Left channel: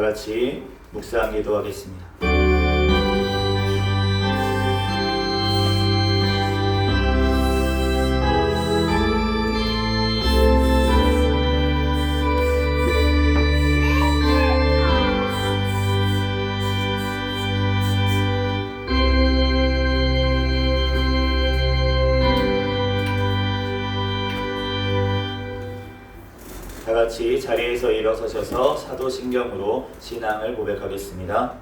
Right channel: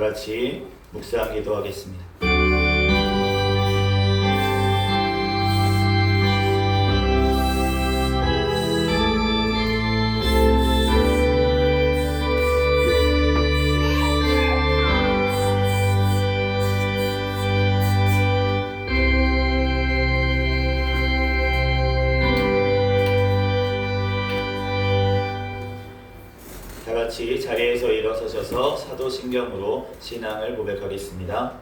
같이 묵상 기도하겠습니다. 다 같이 자리에서 일어서셔서 사도신경으로 신앙을 고백하겠습니다.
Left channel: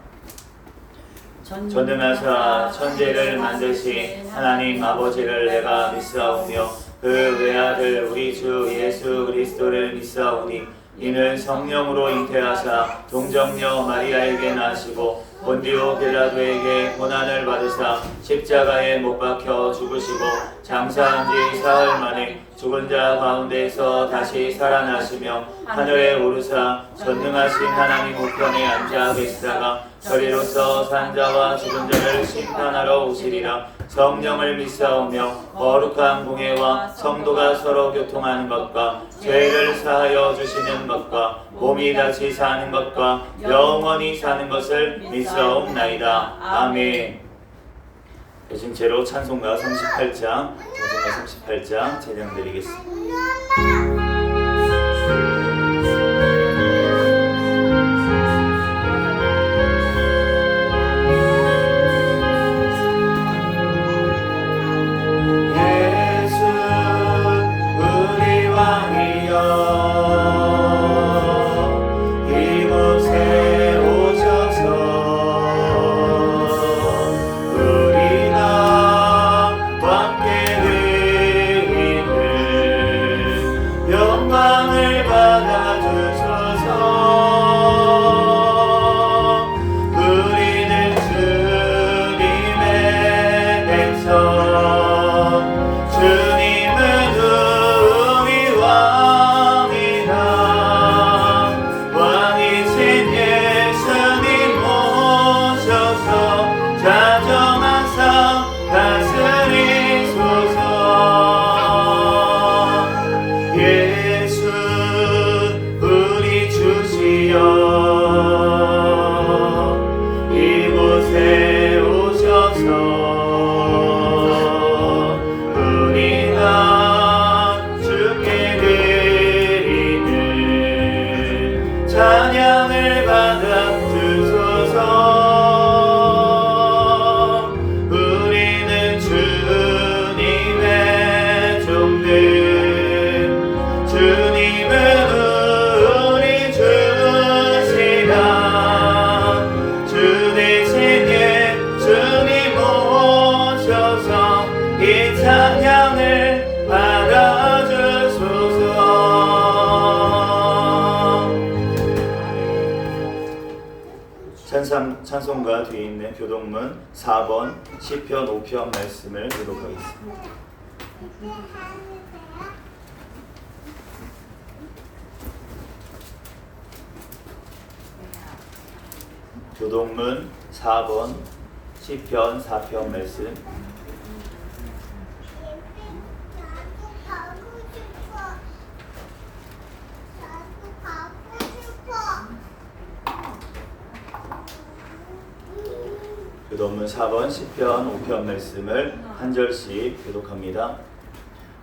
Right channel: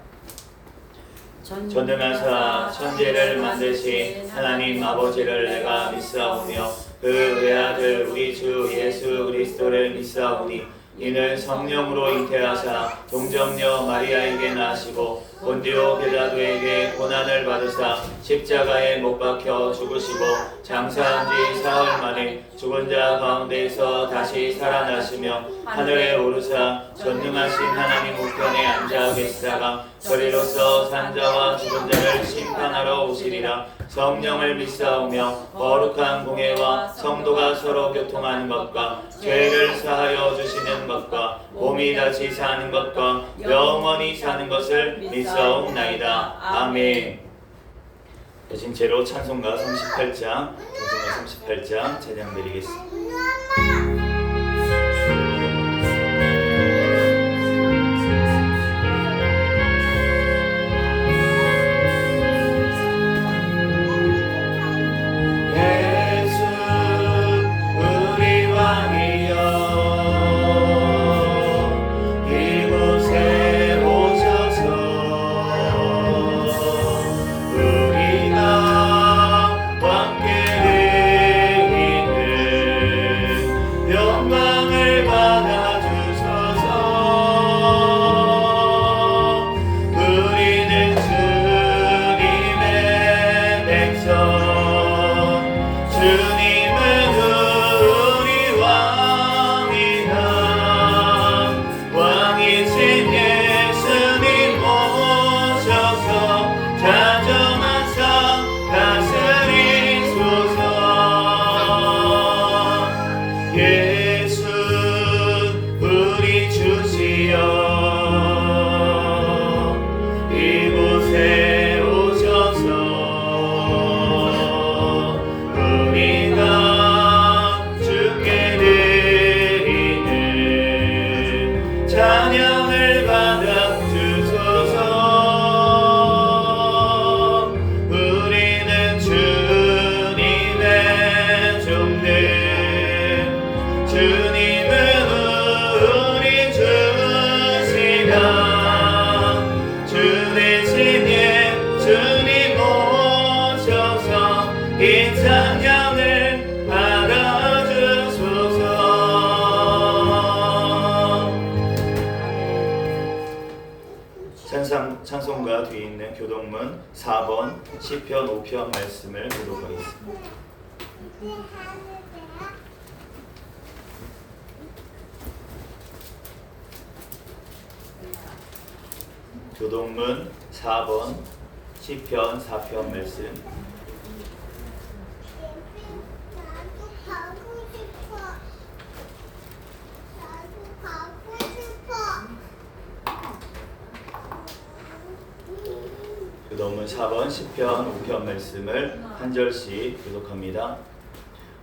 전능하사 천지를 만드신 하나님 아버지를 내가 믿사오며 그 외아들 우리 주 예수 그리스도를 믿사오니 이는 성령으로 잉태하사 동정녀 마리아에게 나시고 본디오 빌라도에게 고난을 받으사 십자가에 못 박혀 죽으시고 장사한 지 사흘 만에 죽은 자 가운데에서 다시 살아나시며 하늘에 오르사 전능하신 하나님 우편에 앉아 계시다가 저리로서 산자와 죽은 자를 심판하러 오시리라. 성령을 믿사오며 거룩한 공예와 성도가 서로 교통하는 것과 죄를 사하여 주시는 것과 몸이 다시 사는 것과 영원히 사는 것을 믿사옵나이다. 아멘. 대신 제로 찬송가 38장 찬양드리겠습니다. 찬송가 뒤에 있는 교동문 4번 시편 5편 말씀을 교독하겠습니다. 교동문 4번 시편 4편 말씀. 교동문 4번 시편 5편 말씀을 한 절씩 교독합니다.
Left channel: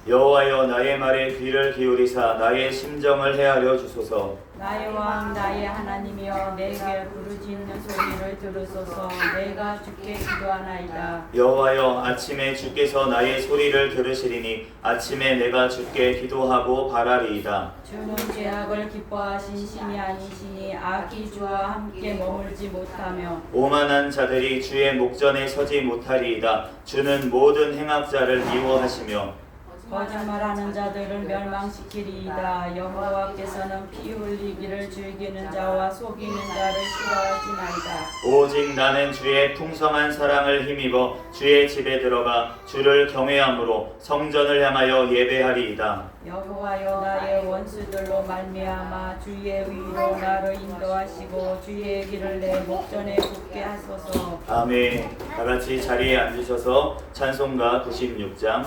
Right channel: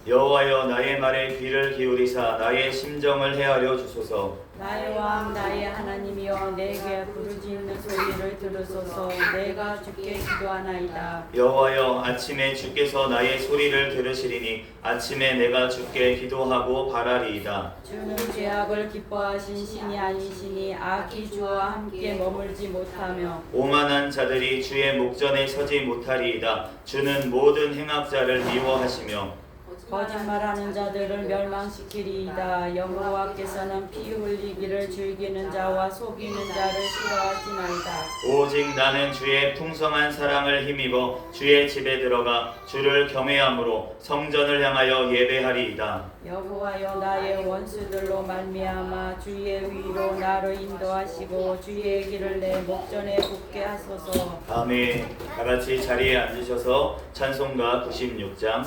여호와여 나의 말에 귀를 기울이사 나의 심정을 헤아려 주소서. 나의 왕 나의 하나님이여 내게 부르짖는 소리를 들으소서. 내가 주께 기도하나이다. 여호와여 아침에 주께서 나의 소리를 들으시리니 아침에 내가 주께 기도하고 바라리이다. 주는 죄악을 기뻐하신 신이 아니시니 악이 주와 함께 머물지 못하며 오만한 자들이 주의 목전에 서지 못하리이다. 주는 모든 행악자를 미워하시며 거짓말하는 자들을 멸망시키리이다. 여호와께서는 피 흘리기를 즐기는 자와 속이는 자를 싫어하시나이다. 오직 나는 주의 풍성한 사랑을 힘입어 주의 집에 들어가 주를 경외함으로 성전을 향하여 예배하리이다. 여호와여 나의 원수들로 말미암아 주의 위로 나를 인도하시고 주의 길을 내 목전에 붙게 하소서. 아멘. 다같이 자리에 앉으셔서 찬송가 96장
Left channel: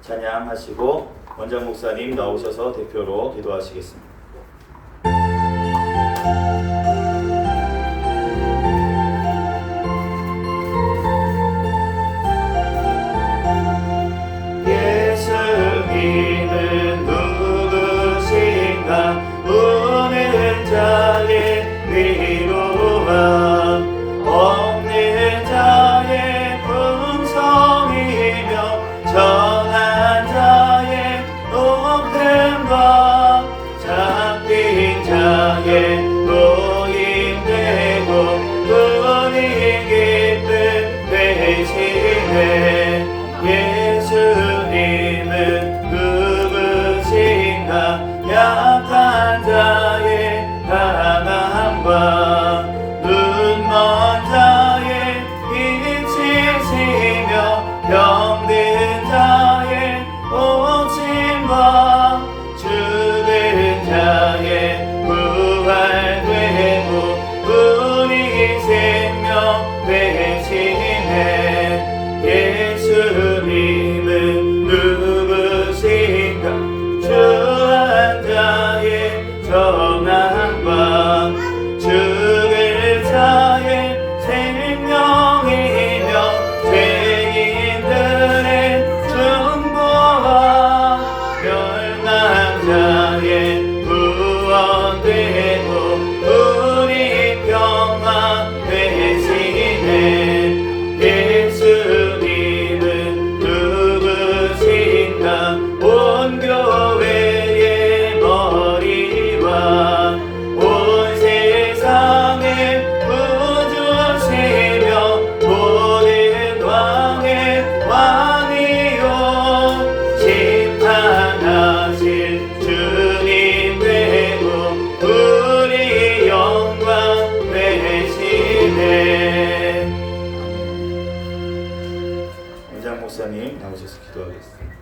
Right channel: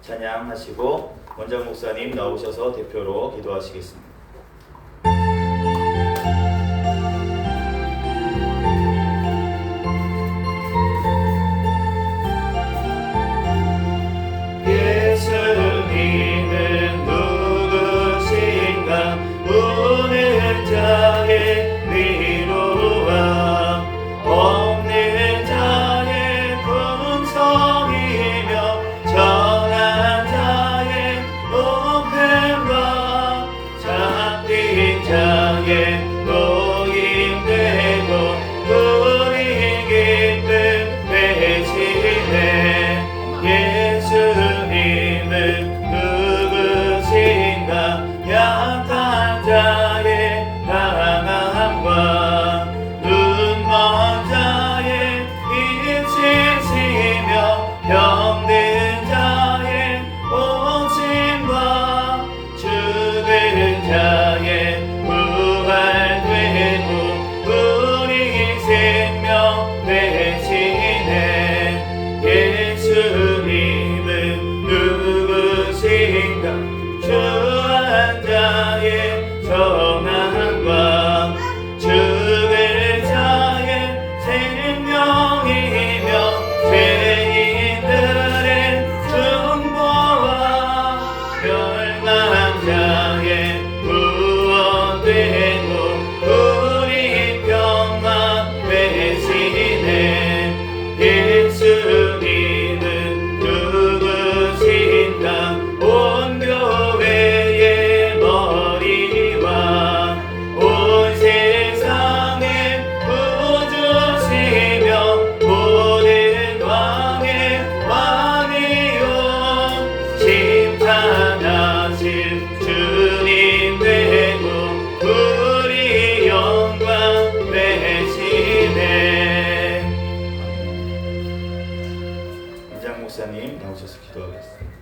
찬양하시고 원장 목사님 나오셔서 대표로 기도하시겠습니다. 목사님 나오셔서 기도하겠습니다.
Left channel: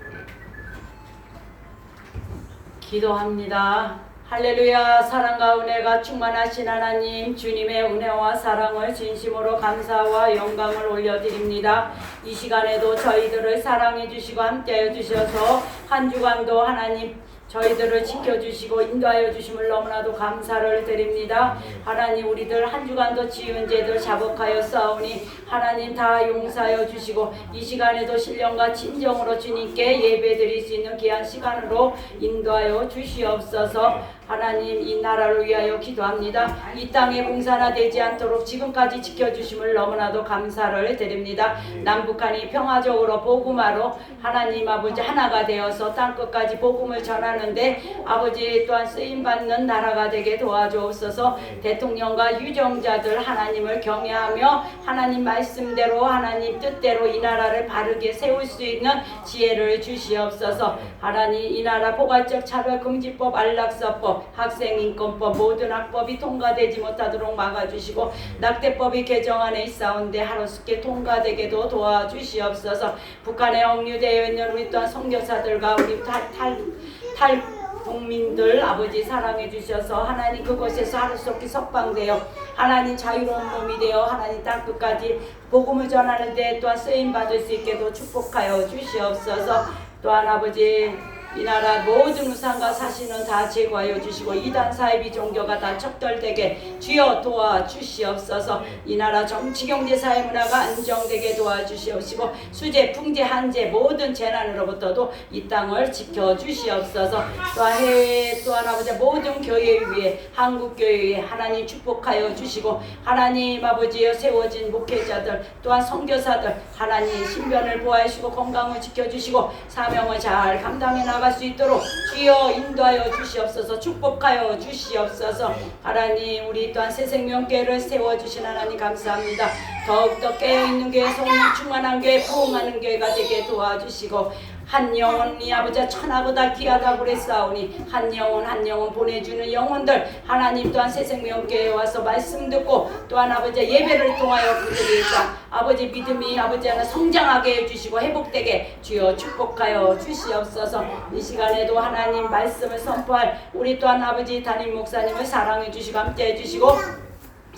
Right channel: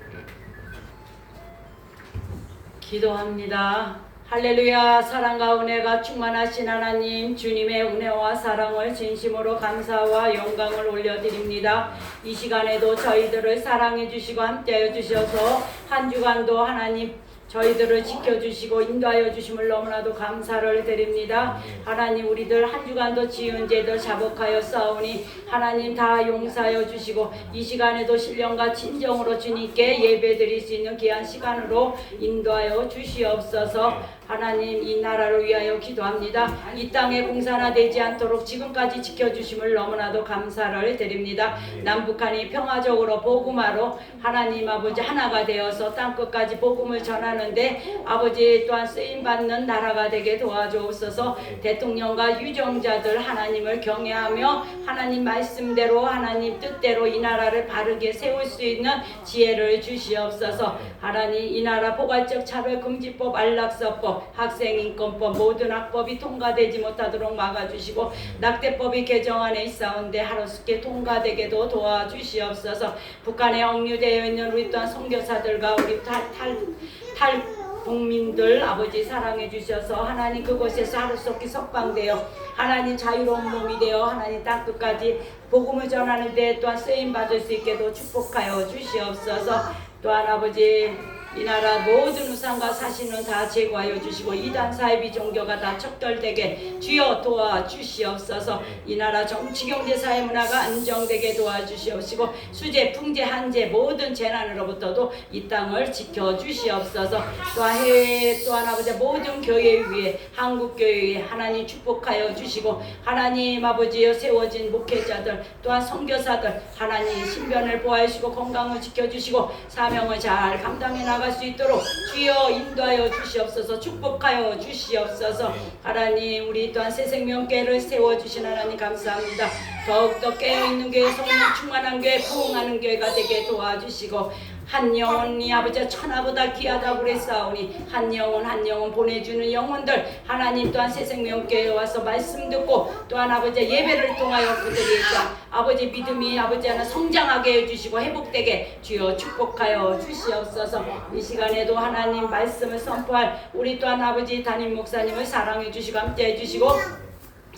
기도합니다. 할렐루야. 사랑과 은혜가 충만하신 하나님, 주님의 은혜와 사랑을 진심으로 감사와 영광을 올려드립니다. 이 시간에도 저희들을 사랑해 주시고 함께해 주셔서 한 주간도 하나님 저희들을 지켜주시고 인도하여 주심을 너무나도 감사를 드립니다. 하나님, 우리들 한 주간도 지은 죄들 자복하여 싸우니 하나님 다 용서하여 주시고 이 시간에도 신령과 진정으로 주님께 예배드릴 수 있는 귀한 시간으로 인도하여 주시옵소서. 하나님, 이 나라를 위하여 기도합니다. 이 땅에 공산화 되지 않도록 지금까지 지켜주심을 너무나도 감사를 드립니다. 남북한이 평화적으로 복음화로 하나님 아버지 하나가 되어서 땅끝까지 복음을 전하는데 아버지 또한 쓰임받는 나라가 되게 도와주옵소서. 대통령과 유정자들 하나님을 경외하며 하나님 말씀대로 하나님 뜻대로 이 나라를 바르게 세울 수 있는 지혜를 주시옵소서. 하나님, 이 나라 포괄적 차별금지법, 안락사법, 학생인권법 모든 학법이 통과되지 못하도록 막아주시고 낙태법이 개정안에 있사온데 하루속히 통과되게도 도와주시옵소서. 북한에 억류되어 있는 우리 또한 선교사들과 우리 탈 국민들 아버지 사랑해 주셔서 하나님 그곳에서 하루속히 석방되어 하나님 자유로운 몸이 되어 하나님 땅끝까지 복음을 전하는데 또한 쓰임받을 수 있게도 축복하여 주시옵소서. 또한 아버지 이 나라 모든 우상과 사신은 다 제거하여 주시고 이단 사이비 종교가 다 척결되게 주여 도와주시옵소서. 이 나라 정치 경제 사회 문화가 안정되게 도와주시옵시고 수재 풍재 한재 모든 재난으로부터도 이 땅을 지켜주시옵소서. 또한 해외 또한 아버지 모든 교회 위에 한국 교회 위에 하나님 축복하여 주시고 하나님 아버지여 세워진 목회자들 또한 선교사들 하나님 신변을 보호하시고 건강을 지켜주시고 사명을 잘 감당해 나갈 수 있도록 주여 인도하여 주시옵소서. 축복하여 주시옵소서. 하나님, 우리 또한 새생명교회를 세워주신 하나님 감사합니다. 더욱더 깨어있는 교회, 성령 충만한 교회, 부흥하는 교회가 되게 도와주시고 한 영혼이 아버지 천하보다 귀하다고 그랬사오니 한 영혼 보내주는 영혼들 하나님 또한 새생명교회에 와서 말씀 듣고 또한 아버지 예배를 통하여 그들이 아버지 믿음이 아버지 하나 성장하게 해주시고 회복되게 주여 축복하여 주시옵소서. 이 시간에도 하나님 말씀을 선포할 우리 또한 아버지 담임 목사님을 사랑해 주시고 함께 해주시고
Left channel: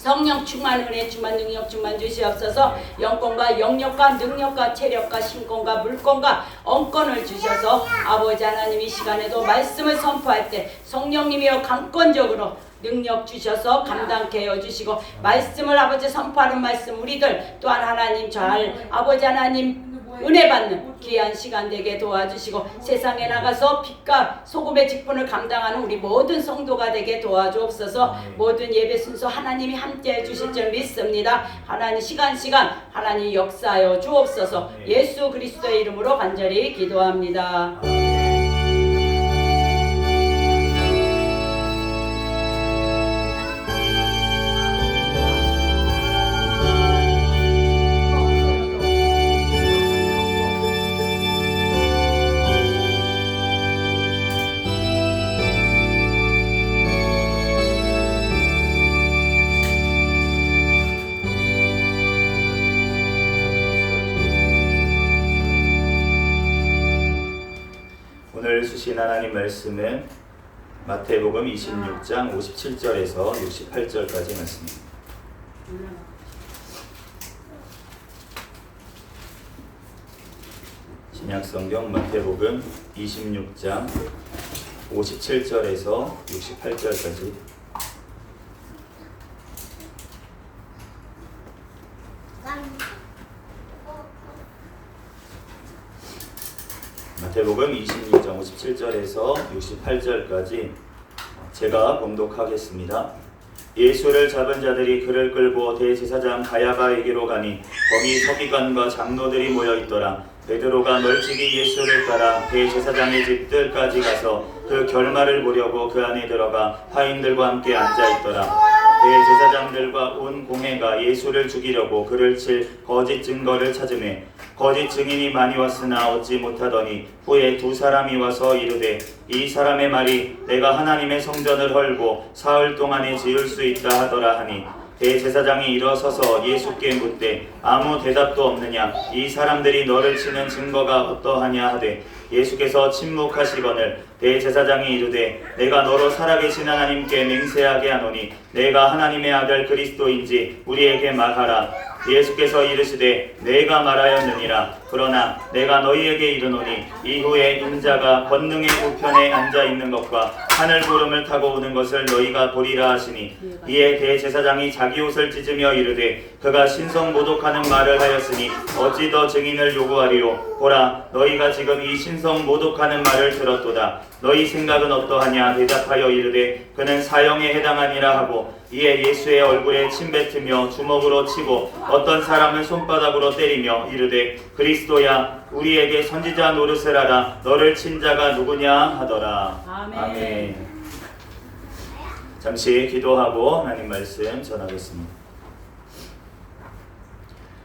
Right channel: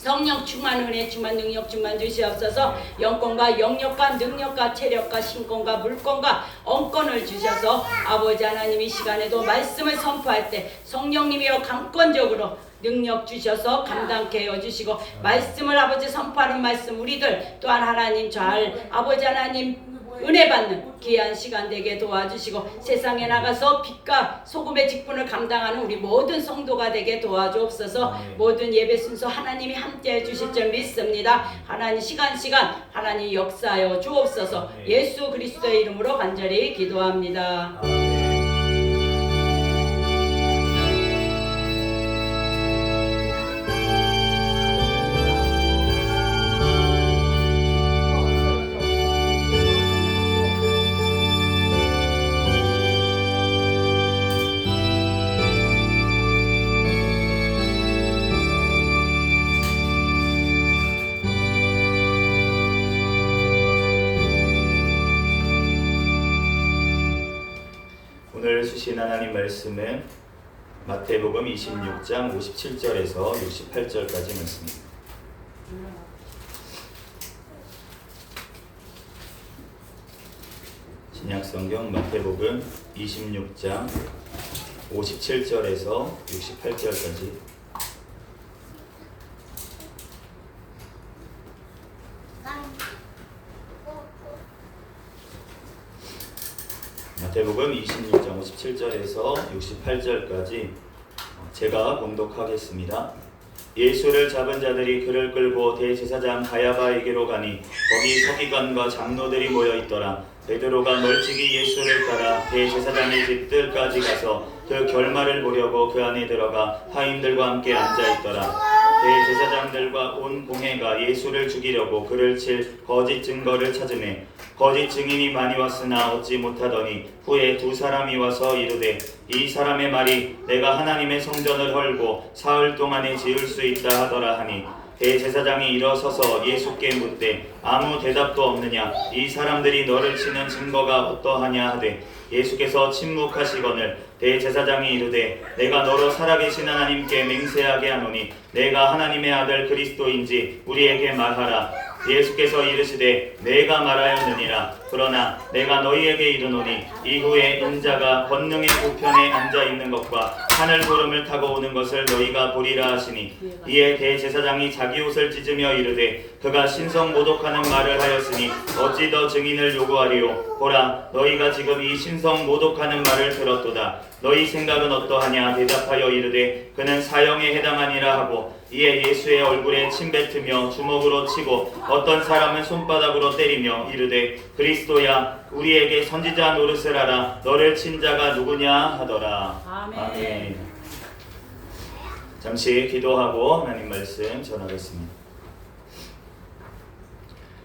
성령 충만 은혜 충만 능력 충만 주시옵소서. 영권과 영역과 능력과 체력과 신권과 물권과 언권을 주셔서 아버지 하나님 이 시간에도 말씀을 선포할 때 성령님이여 강권적으로 능력 주셔서 감당케 해주시고 말씀을 아버지 선포하는 말씀 우리들 또한 하나님 잘 아버지 하나님 은혜 받는 귀한 시간 되게 도와주시고 세상에 나가서 빛과 소금의 직분을 감당하는 우리 모든 성도가 되게 도와주옵소서. 모든 예배 순서 하나님이 함께 해주실 줄 믿습니다. 하나님 시간 하나님 역사하여 주옵소서. 예수 그리스도의 이름으로 간절히 기도합니다. 오늘 주신 하나님 말씀은 마태복음 26장 57절에서 68절까지 말씀입니다. 신약성경 마태복음 26장 57절에서 68절까지 마태복음 26장 57절에서 68절까지 제가 봉독하겠습니다. 예수를 잡은 자들이 그를 끌고 대제사장 가야바에게로 가니 거기 서기관과 장로들이 모여 있더라. 베드로가 멀찍이 예수를 따라 대제사장의 집들까지 가서 그 결말을 보려고 그 안에 들어가 하인들과 함께 앉아 있더라. 대제사장들과 온 공회가 예수를 죽이려고 그를 칠 거짓 증거를 찾으매 거짓 증인이 많이 왔으나 얻지 못하더니 후에 두 사람이 와서 이르되 이 사람의 말이 내가 하나님의 성전을 헐고 사흘 동안에 지을 수 있다 하더라 하니 대제사장이 일어서서 예수께 묻되 아무 대답도 없느냐? 이 사람들이 너를 치는 증거가 어떠하냐 하되 예수께서 침묵하시거늘 대제사장이 이르되 내가 너로 살아계신 하나님께 맹세하게 하노니 내가 하나님의 아들 그리스도인지 우리에게 말하라. 예수께서 이르시되 내가 말하였느니라. 그러나 내가 너희에게 이르노니 이후에 인자가 권능의 우편에 앉아 있는 것과 하늘 구름을 타고 오는 것을 너희가 보리라 하시니 이에 대제사장이 자기 옷을 찢으며 이르되 그가 신성 모독하는 말을 하였으니 어찌 더 증인을 요구하리요. 보라 너희가 지금 이 신성 모독하는 말을 들었도다. 너희 생각은 어떠하냐? 대답하여 이르되 그는 사형에 해당하니라 하고 이에 예수의 얼굴에 침뱉으며 주먹으로 치고 어떤 사람은 손바닥으로 때리며 이르되 그리스도야 우리에게 선지자 노릇을 하라. 너를 친 자가 누구냐 하더라. 아멘. 잠시 기도하고 하나님 말씀 전하겠습니다.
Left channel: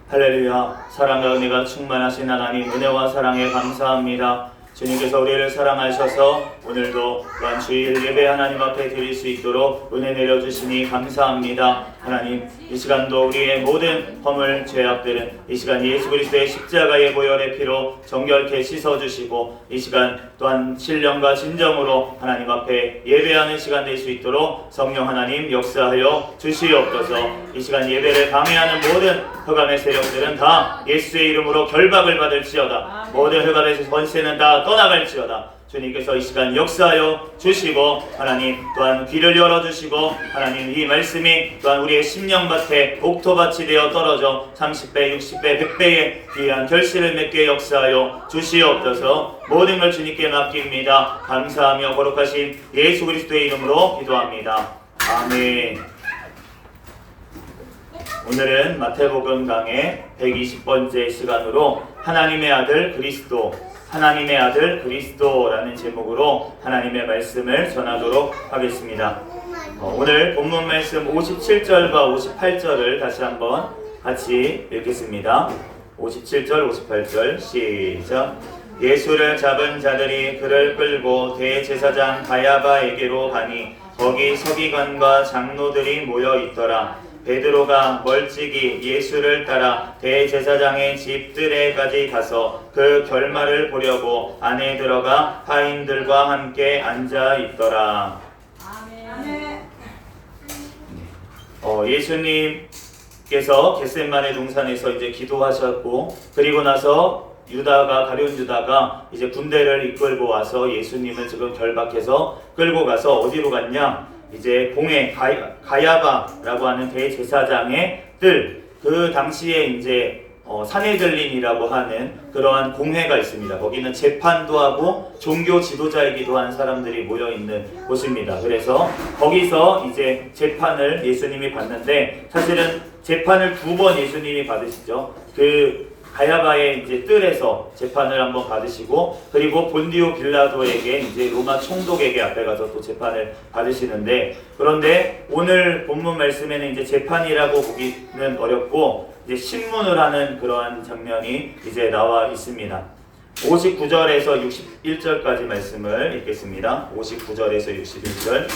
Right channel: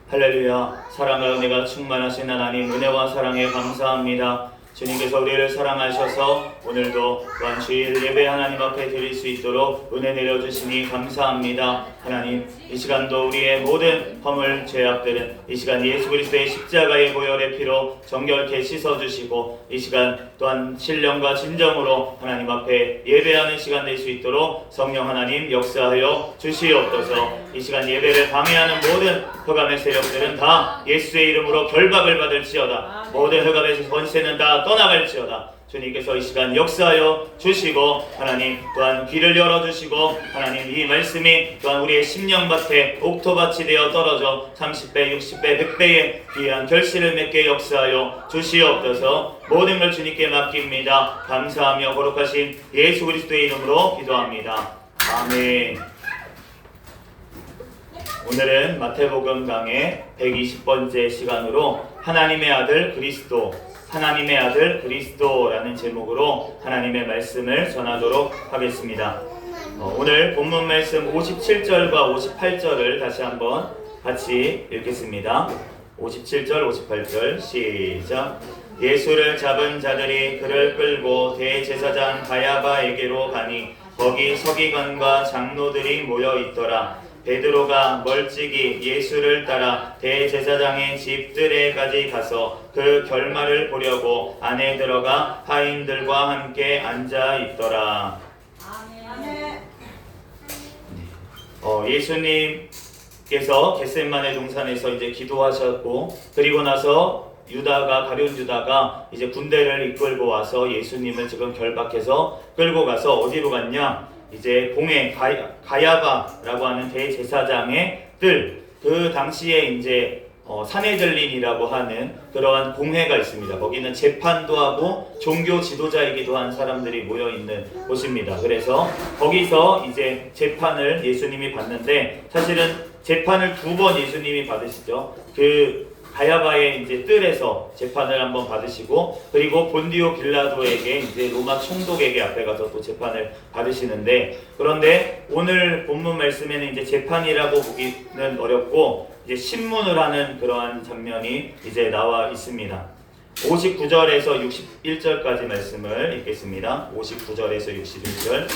할렐루야. 사랑과 은혜가 충만하신 하나님 은혜와 사랑에 감사합니다. 주님께서 우리를 사랑하셔서 오늘도 또한 주일 예배 하나님 앞에 드릴 수 있도록 은혜 내려주시니 감사합니다. 하나님 이 시간도 우리의 모든 허물 죄악들은 이 시간 예수 그리스도의 십자가의 보혈의 피로 정결케 씻어주시고 이 시간 또한 신령과 진정으로 하나님 앞에 예배하는 시간 될 수 있도록 성령 하나님 역사하여 주시옵소서. 이 시간 예배를 방해하는 모든 흑암의 세력들은 다 예수의 이름으로 결박을 받을지어다. 모든 흑암의 권세는 다 떠나갈지어다. 주님께서 이 시간 역사하여 주시고 하나님 또한 길을 열어주시고 하나님 이 말씀이 또한 우리의 심령밭에 옥토밭이 되어 떨어져 30배, 60배, 100배의 귀한 결실을 맺게 역사하여 주시옵소서. 모든 걸 주님께 맡깁니다. 감사하며 거룩하신 예수 그리스도의 이름으로 기도합니다. 아멘. 오늘은 마태복음 강의 120번째 시간으로 하나님의 아들 그리스도, 하나님의 아들 그리스도라는 제목으로 하나님의 말씀을 전하도록 하겠습니다. 오늘 본문 말씀 57절과 58절을 다시 한번 같이 읽겠습니다. 57절, 58절 시작. 예수를 잡은 자들이 그를 끌고 대제사장 가야바에게로 가니 거기 서기관과 장로들이 모여 있더라. 베드로가 멀찍이 예수를 따라 대제사장의 집들에까지 가서 그 결말을 보려고 안에 들어가 하인들과 함께 앉아 있더라. 아멘. 예수님께서 겟세마네 동산에서 이제 기도하셨고 그리고 나서 가룟 유다가 이제 군대를 이끌고 와서 예수님을 지금 결박해서 끌고 가서 어디로 갔냐? 이제 공회 가야바라고 하는 대제사장의 뜰, 그 당시에 이제 사내들린이라고 하는 그러한 공회가 있습니다. 거기는 재판도 하고 종교 지도자이기도 한 사람들이 모여 있는 곳입니다. 그래서 거기서 이제 재판을 예수님이 받는데 사실은 재판을 2번 예수님이 받으시죠. 그 가야바의 이제 뜰에서 재판을 한번 받으시고 그리고 본디오 빌라도에게 이제 로마 총독에게 앞에 가서 또 재판을 받으시는데 그런데 오늘 본문 말씀에는 이제 재판이라고 보기는 어렵고 이제 신문을 하는 그러한 장면이 이제 나와 있습니다. 59절에서 61절까지 말씀을 읽겠습니다. 59절에서 61절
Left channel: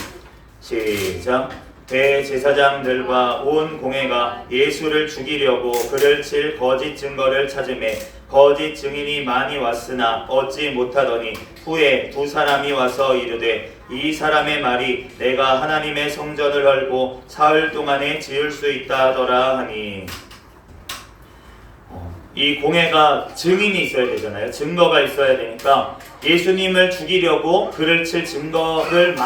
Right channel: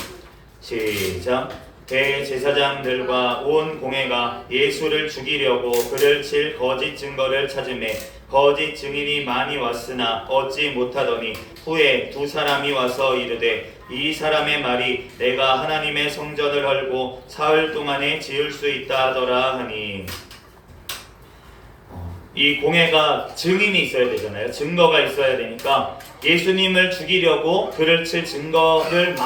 시작. 대제사장들과 온 공회가 예수를 죽이려고 그를 칠 거짓 증거를 찾으매 거짓 증인이 많이 왔으나 얻지 못하더니 후에 2 사람이 와서 이르되 이 사람의 말이 내가 하나님의 성전을 헐고 사흘 동안에 지을 수 있다 하더라 하니 이 공회가 증인이 있어야 되잖아요. 증거가 있어야 되니까 예수님을 죽이려고 그를 칠 증거를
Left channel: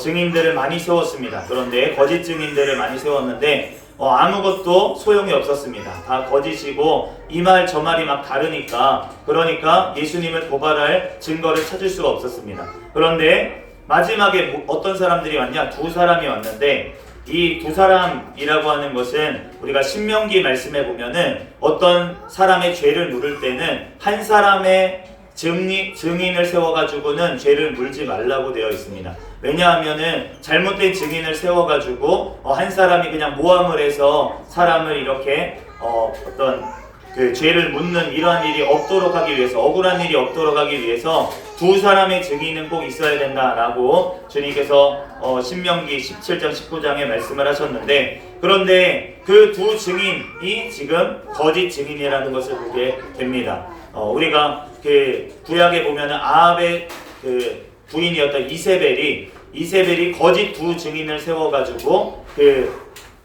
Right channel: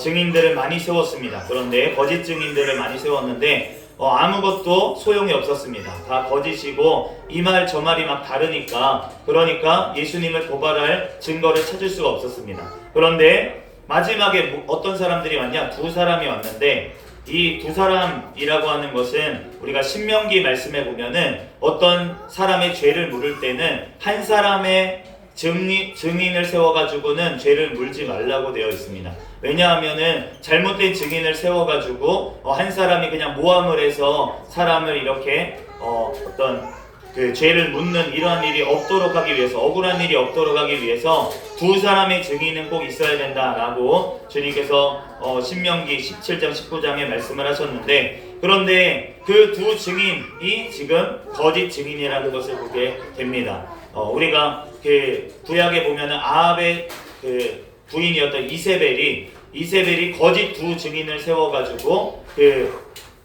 증인들을 많이 세웠습니다. 그런데 거짓 증인들을 많이 세웠는데 아무것도 소용이 없었습니다. 다 거짓이고 이 말 저 말이 막 다르니까 그러니까 예수님을 고발할 증거를 찾을 수가 없었습니다. 그런데 마지막에 어떤 사람들이 왔냐? 2 사람이 왔는데 이 2 사람이라고 하는 것은 우리가 신명기 말씀에 보면은 어떤 사람의 죄를 물을 때는 한 사람의 증인을 세워가지고는 죄를 물지 말라고 되어 있습니다. 왜냐하면은 잘못된 증인을 세워가지고 한 사람이 그냥 모함을 해서 사람을 이렇게 어떤 그 죄를 묻는 이러한 일이 없도록 하기 위해서, 억울한 일이 없도록 하기 위해서 두 사람의 증인은 꼭 있어야 된다라고 주님께서 신명기 17장 19장에 말씀을 하셨는데, 그런데 그 두 증인이 지금 거짓 증인이라는 것을 보게 됩니다. 우리가 그 구약에 보면은 아합의 그 부인이었던 이세벨이 거짓 두 증인을 세워가지고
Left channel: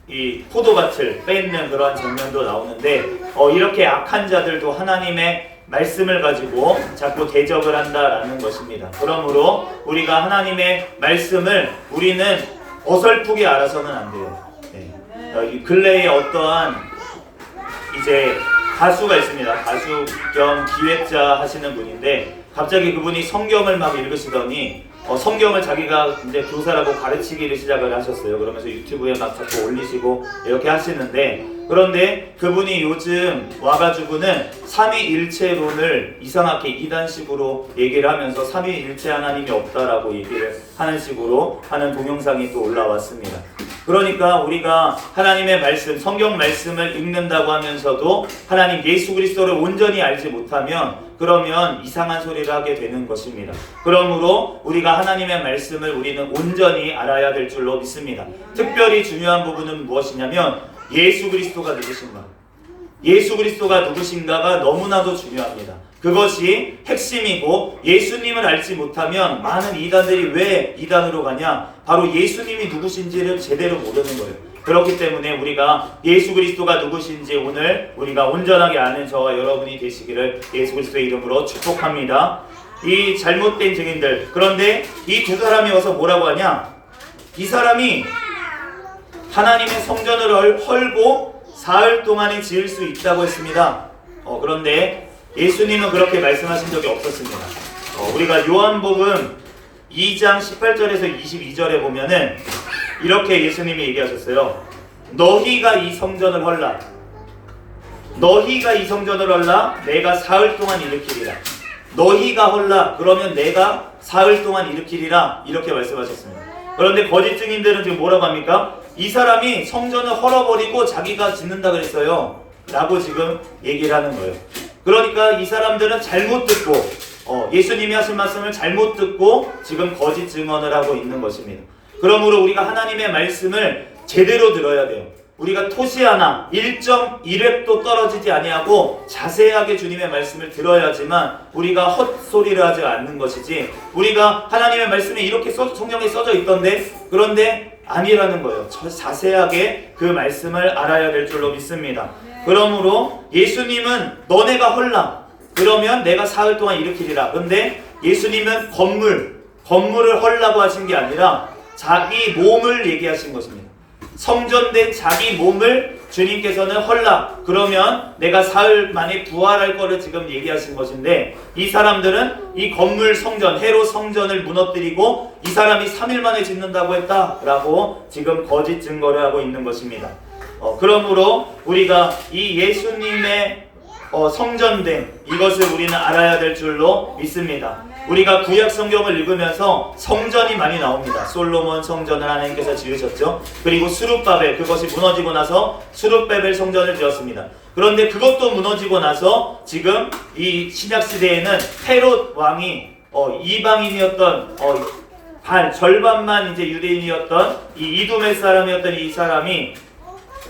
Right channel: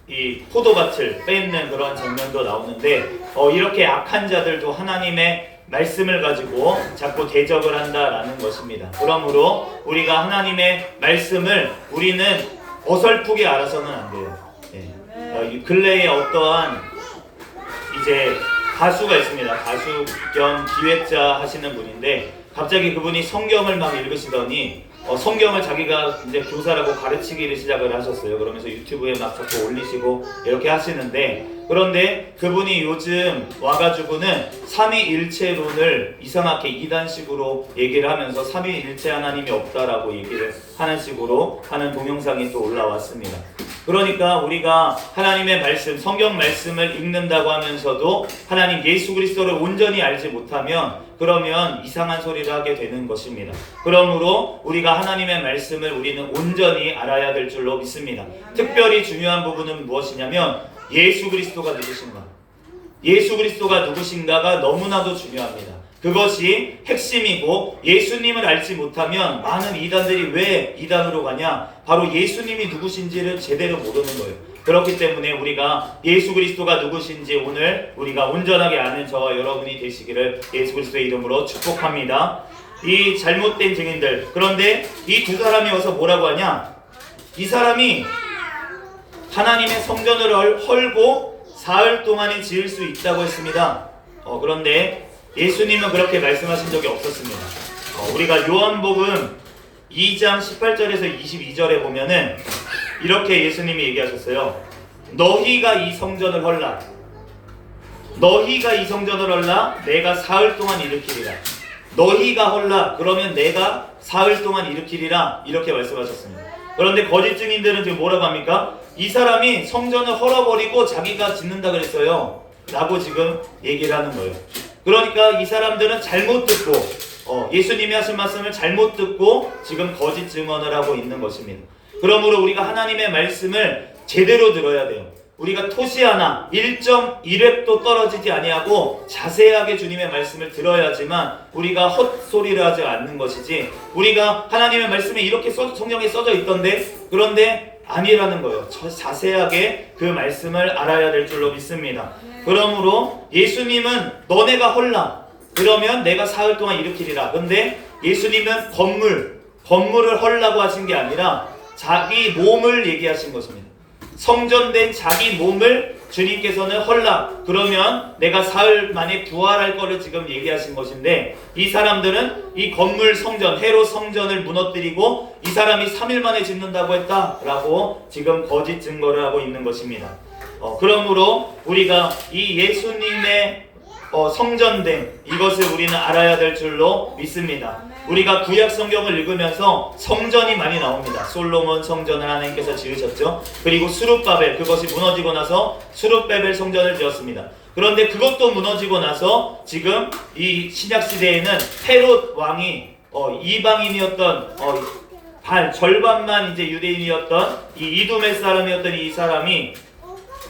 이 포도밭을 뺏는 그러한 장면도 나오는데, 이렇게 악한 자들도 하나님의 말씀을 가지고 자꾸 대적을 한다라는 것입니다. 그러므로 우리가 하나님의 말씀을 우리는 어설프게 알아서는 안 돼요. 근래에 어떠한 이제 가수가 있습니다. 가수 겸 기획자 하시는 분인데, 갑자기 그분이 성경을 막 읽으시더니 성경을 자기가 이제 교사라고 가르치기를 시작을 하셨어요. 그러면서 유튜브에 막 자꾸 올리시고 이렇게 하시는데, 그런데 그분이 요즘 와가지고는 삼위일체론을 이상하게 이단식으로 얘기를 하면서 삼위일체 하나님이 없다라고 얘기를 하는 식으로 하는 동영상이 또 올라왔습니다. 그러니까 우리가 하나님의 말씀, 성경 말씀을 읽는다고 하면서도 하나님 예수 그리스도를 온전히 알지 못하면 그러면 이상한 소리를 하게 되는 것입니다. 그러므로 우리가 하나님의 말씀을 우리는 온전히 알아야 될 줄로 믿습니다. 특별히 중요한 부분은 무엇이냐면 예수 그리스도가 누구신가? 예수 그리스도가 누구신가가 너무나도 중요합니다. 그것이 핵심이고, 예수님을 알지 못하면 많은 이단들이 왜 이단으로 가냐? 바로 예수님이 누구신지를 제대로 모르는 거예요. 그렇기 때문에 우리가 예수 그리스도가 누구신지 오늘 우리가 온전하게 아는 저와 여러분이 되시기를 예수 그리스도의 이름으로 축복합니다. 이 잘못된 증인들, 그런데 이 두 사람이 와서 뭐라고 하냐? 이 사람이 하나님의 성전을 헐고 사흘 동안에 지을 수 있다고 했습니다. 그런데 예수님은 그렇게 말씀하신 적이 없었습니다. 우리가 요한복음 2장 18절에서 22절에 보면은 이렇게 예수님이 얘기하셨어요. 너희가 이 성전을 헐라. 너희가 이 성전을 헐라. 내가 사흘 동안 일으키리라. 너희가 헐라. 그러면 내가 사흘 동안 일으키리라. 이렇게 말씀하셨습니다. 그런데 거짓 증인들은 지금 뭐라고 합니까? 이 사람이 성전을 헐어버리고 자기가 짓는다 그랬어요. 라고 지금 얘기를 하는 거예요. 그러니까 이 사람들은 잘못 듣고 예수님이 하신 말씀을 잘못 듣고 지금 거짓 증언을 하고 있는 것입니다. 그러므로 우리가 하나님의 말씀을 제대로 들어야 돼요. 우리가 토시 하나 1.1획도 떨어지지 아니하고 자세하게 주님의 말씀을 들어야지만 우리가 헛소리를 하지 않는 것이지, 우리가 하나님의 말씀에 이렇게 성경에 써져 있던데 그런데 아니라는 거예요. 자세하게 그 말씀을 알아야 될 줄로 믿습니다. 그러므로 예수님은 너네가 헐라. 그러면 내가 사흘 동안 일으키리라. 근데 예수님은 건물을 헐라고 하신 게 아니라 자기 몸을 얘기하신 것입니다. 성전된 자기 몸을 주님께서는 헐라. 그러면 내가 사흘 만에 부활할 거를 지금 얘기하신 것인데, 이 사람들은 이 건물 성전, 헤롯 성전을 무너뜨리고 이 사람이 3일 만에 짓는다고 했다라고 지금 거짓 증거를 하고 있는 것입니다. 그러므로 우리가 이 예수님의 성전됨, 이것을 우리는 알아야 될 줄로 믿습니다. 우리가 구약 성경을 읽으면서 성전이 많이 나옵니다. 솔로몬 성전을 하나님께서 지으셨죠. 그리고 수룹바벨, 그것이 무너지고 나서 수룹바벨 성전을 지었습니다. 그런데 그것도 무너지고 나서 지금 이 신약 시대에는 헤롯 왕이 이방인이었던 절반만 이제 유대인이었던 이 이두메 사람이었던 이 사람이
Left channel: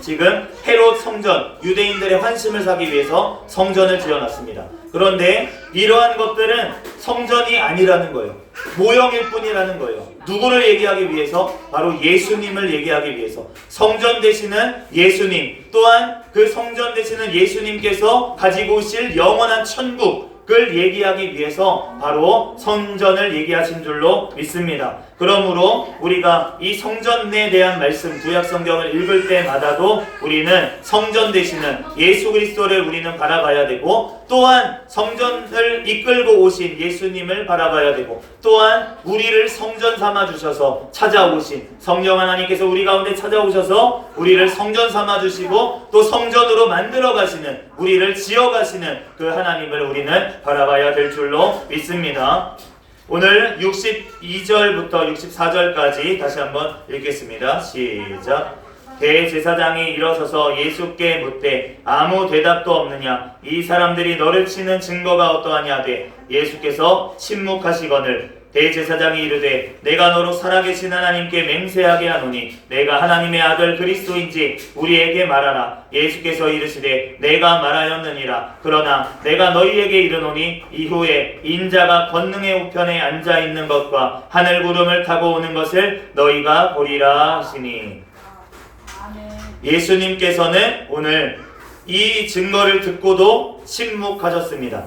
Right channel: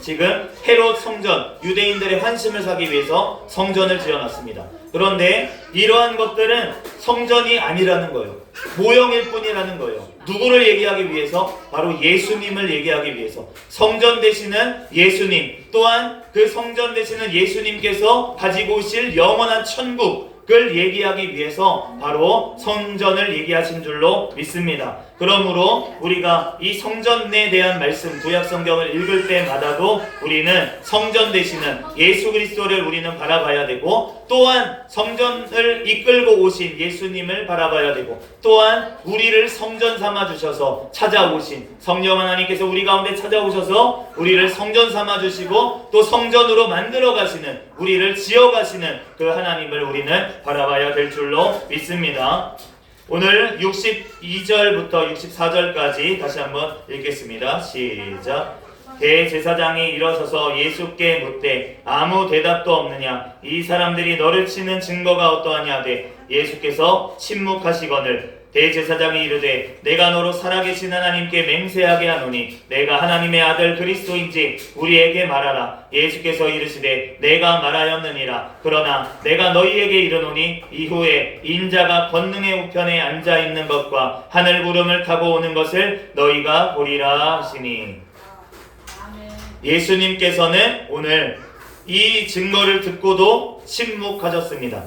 지금 헤롯 성전, 유대인들의 환심을 사기 위해서 성전을 지어놨습니다. 그런데 이러한 것들은 성전이 아니라는 거예요. 모형일 뿐이라는 거예요. 누구를 얘기하기 위해서? 바로 예수님을 얘기하기 위해서. 성전 되시는 예수님, 또한 그 성전 되시는 예수님께서 가지고 오실 영원한 천국을 얘기하기 위해서 바로 성전을 얘기하신 줄로 믿습니다. 그러므로 우리가 이 성전에 대한 말씀, 구약 성경을 읽을 때마다도 우리는 성전 되시는 예수 그리스도를 우리는 바라봐야 되고, 또한 성전을 이끌고 오신 예수님을 바라봐야 되고, 또한 우리를 성전 삼아 주셔서 찾아오신 성령 하나님께서 우리 가운데 찾아오셔서 우리를 성전 삼아 주시고 또 성전으로 만들어 가시는, 우리를 지어 가시는 그 하나님을 우리는 바라봐야 될 줄로 믿습니다. 오늘 62절부터 64절까지 다시 한번 읽겠습니다. 시작. 대제사장이 일어서서 예수께 묻되 아무 대답도 없느냐? 이 사람들이 너를 치는 증거가 어떠하냐 하되 예수께서 침묵하시거늘 대제사장이 이르되 내가 너로 살아계신 하나님께 맹세하게 하노니 내가 하나님의 아들 그리스도인지 우리에게 말하라. 예수께서 이르시되 내가 말하였느니라. 그러나 내가 너희에게 이르노니 이후에 인자가 권능의 우편에 앉아있는 것과 하늘 구름을 타고 오는 것을 너희가 보리라 하시니. 예수님께서는 오늘 이 증거를 듣고도 침묵하셨습니다.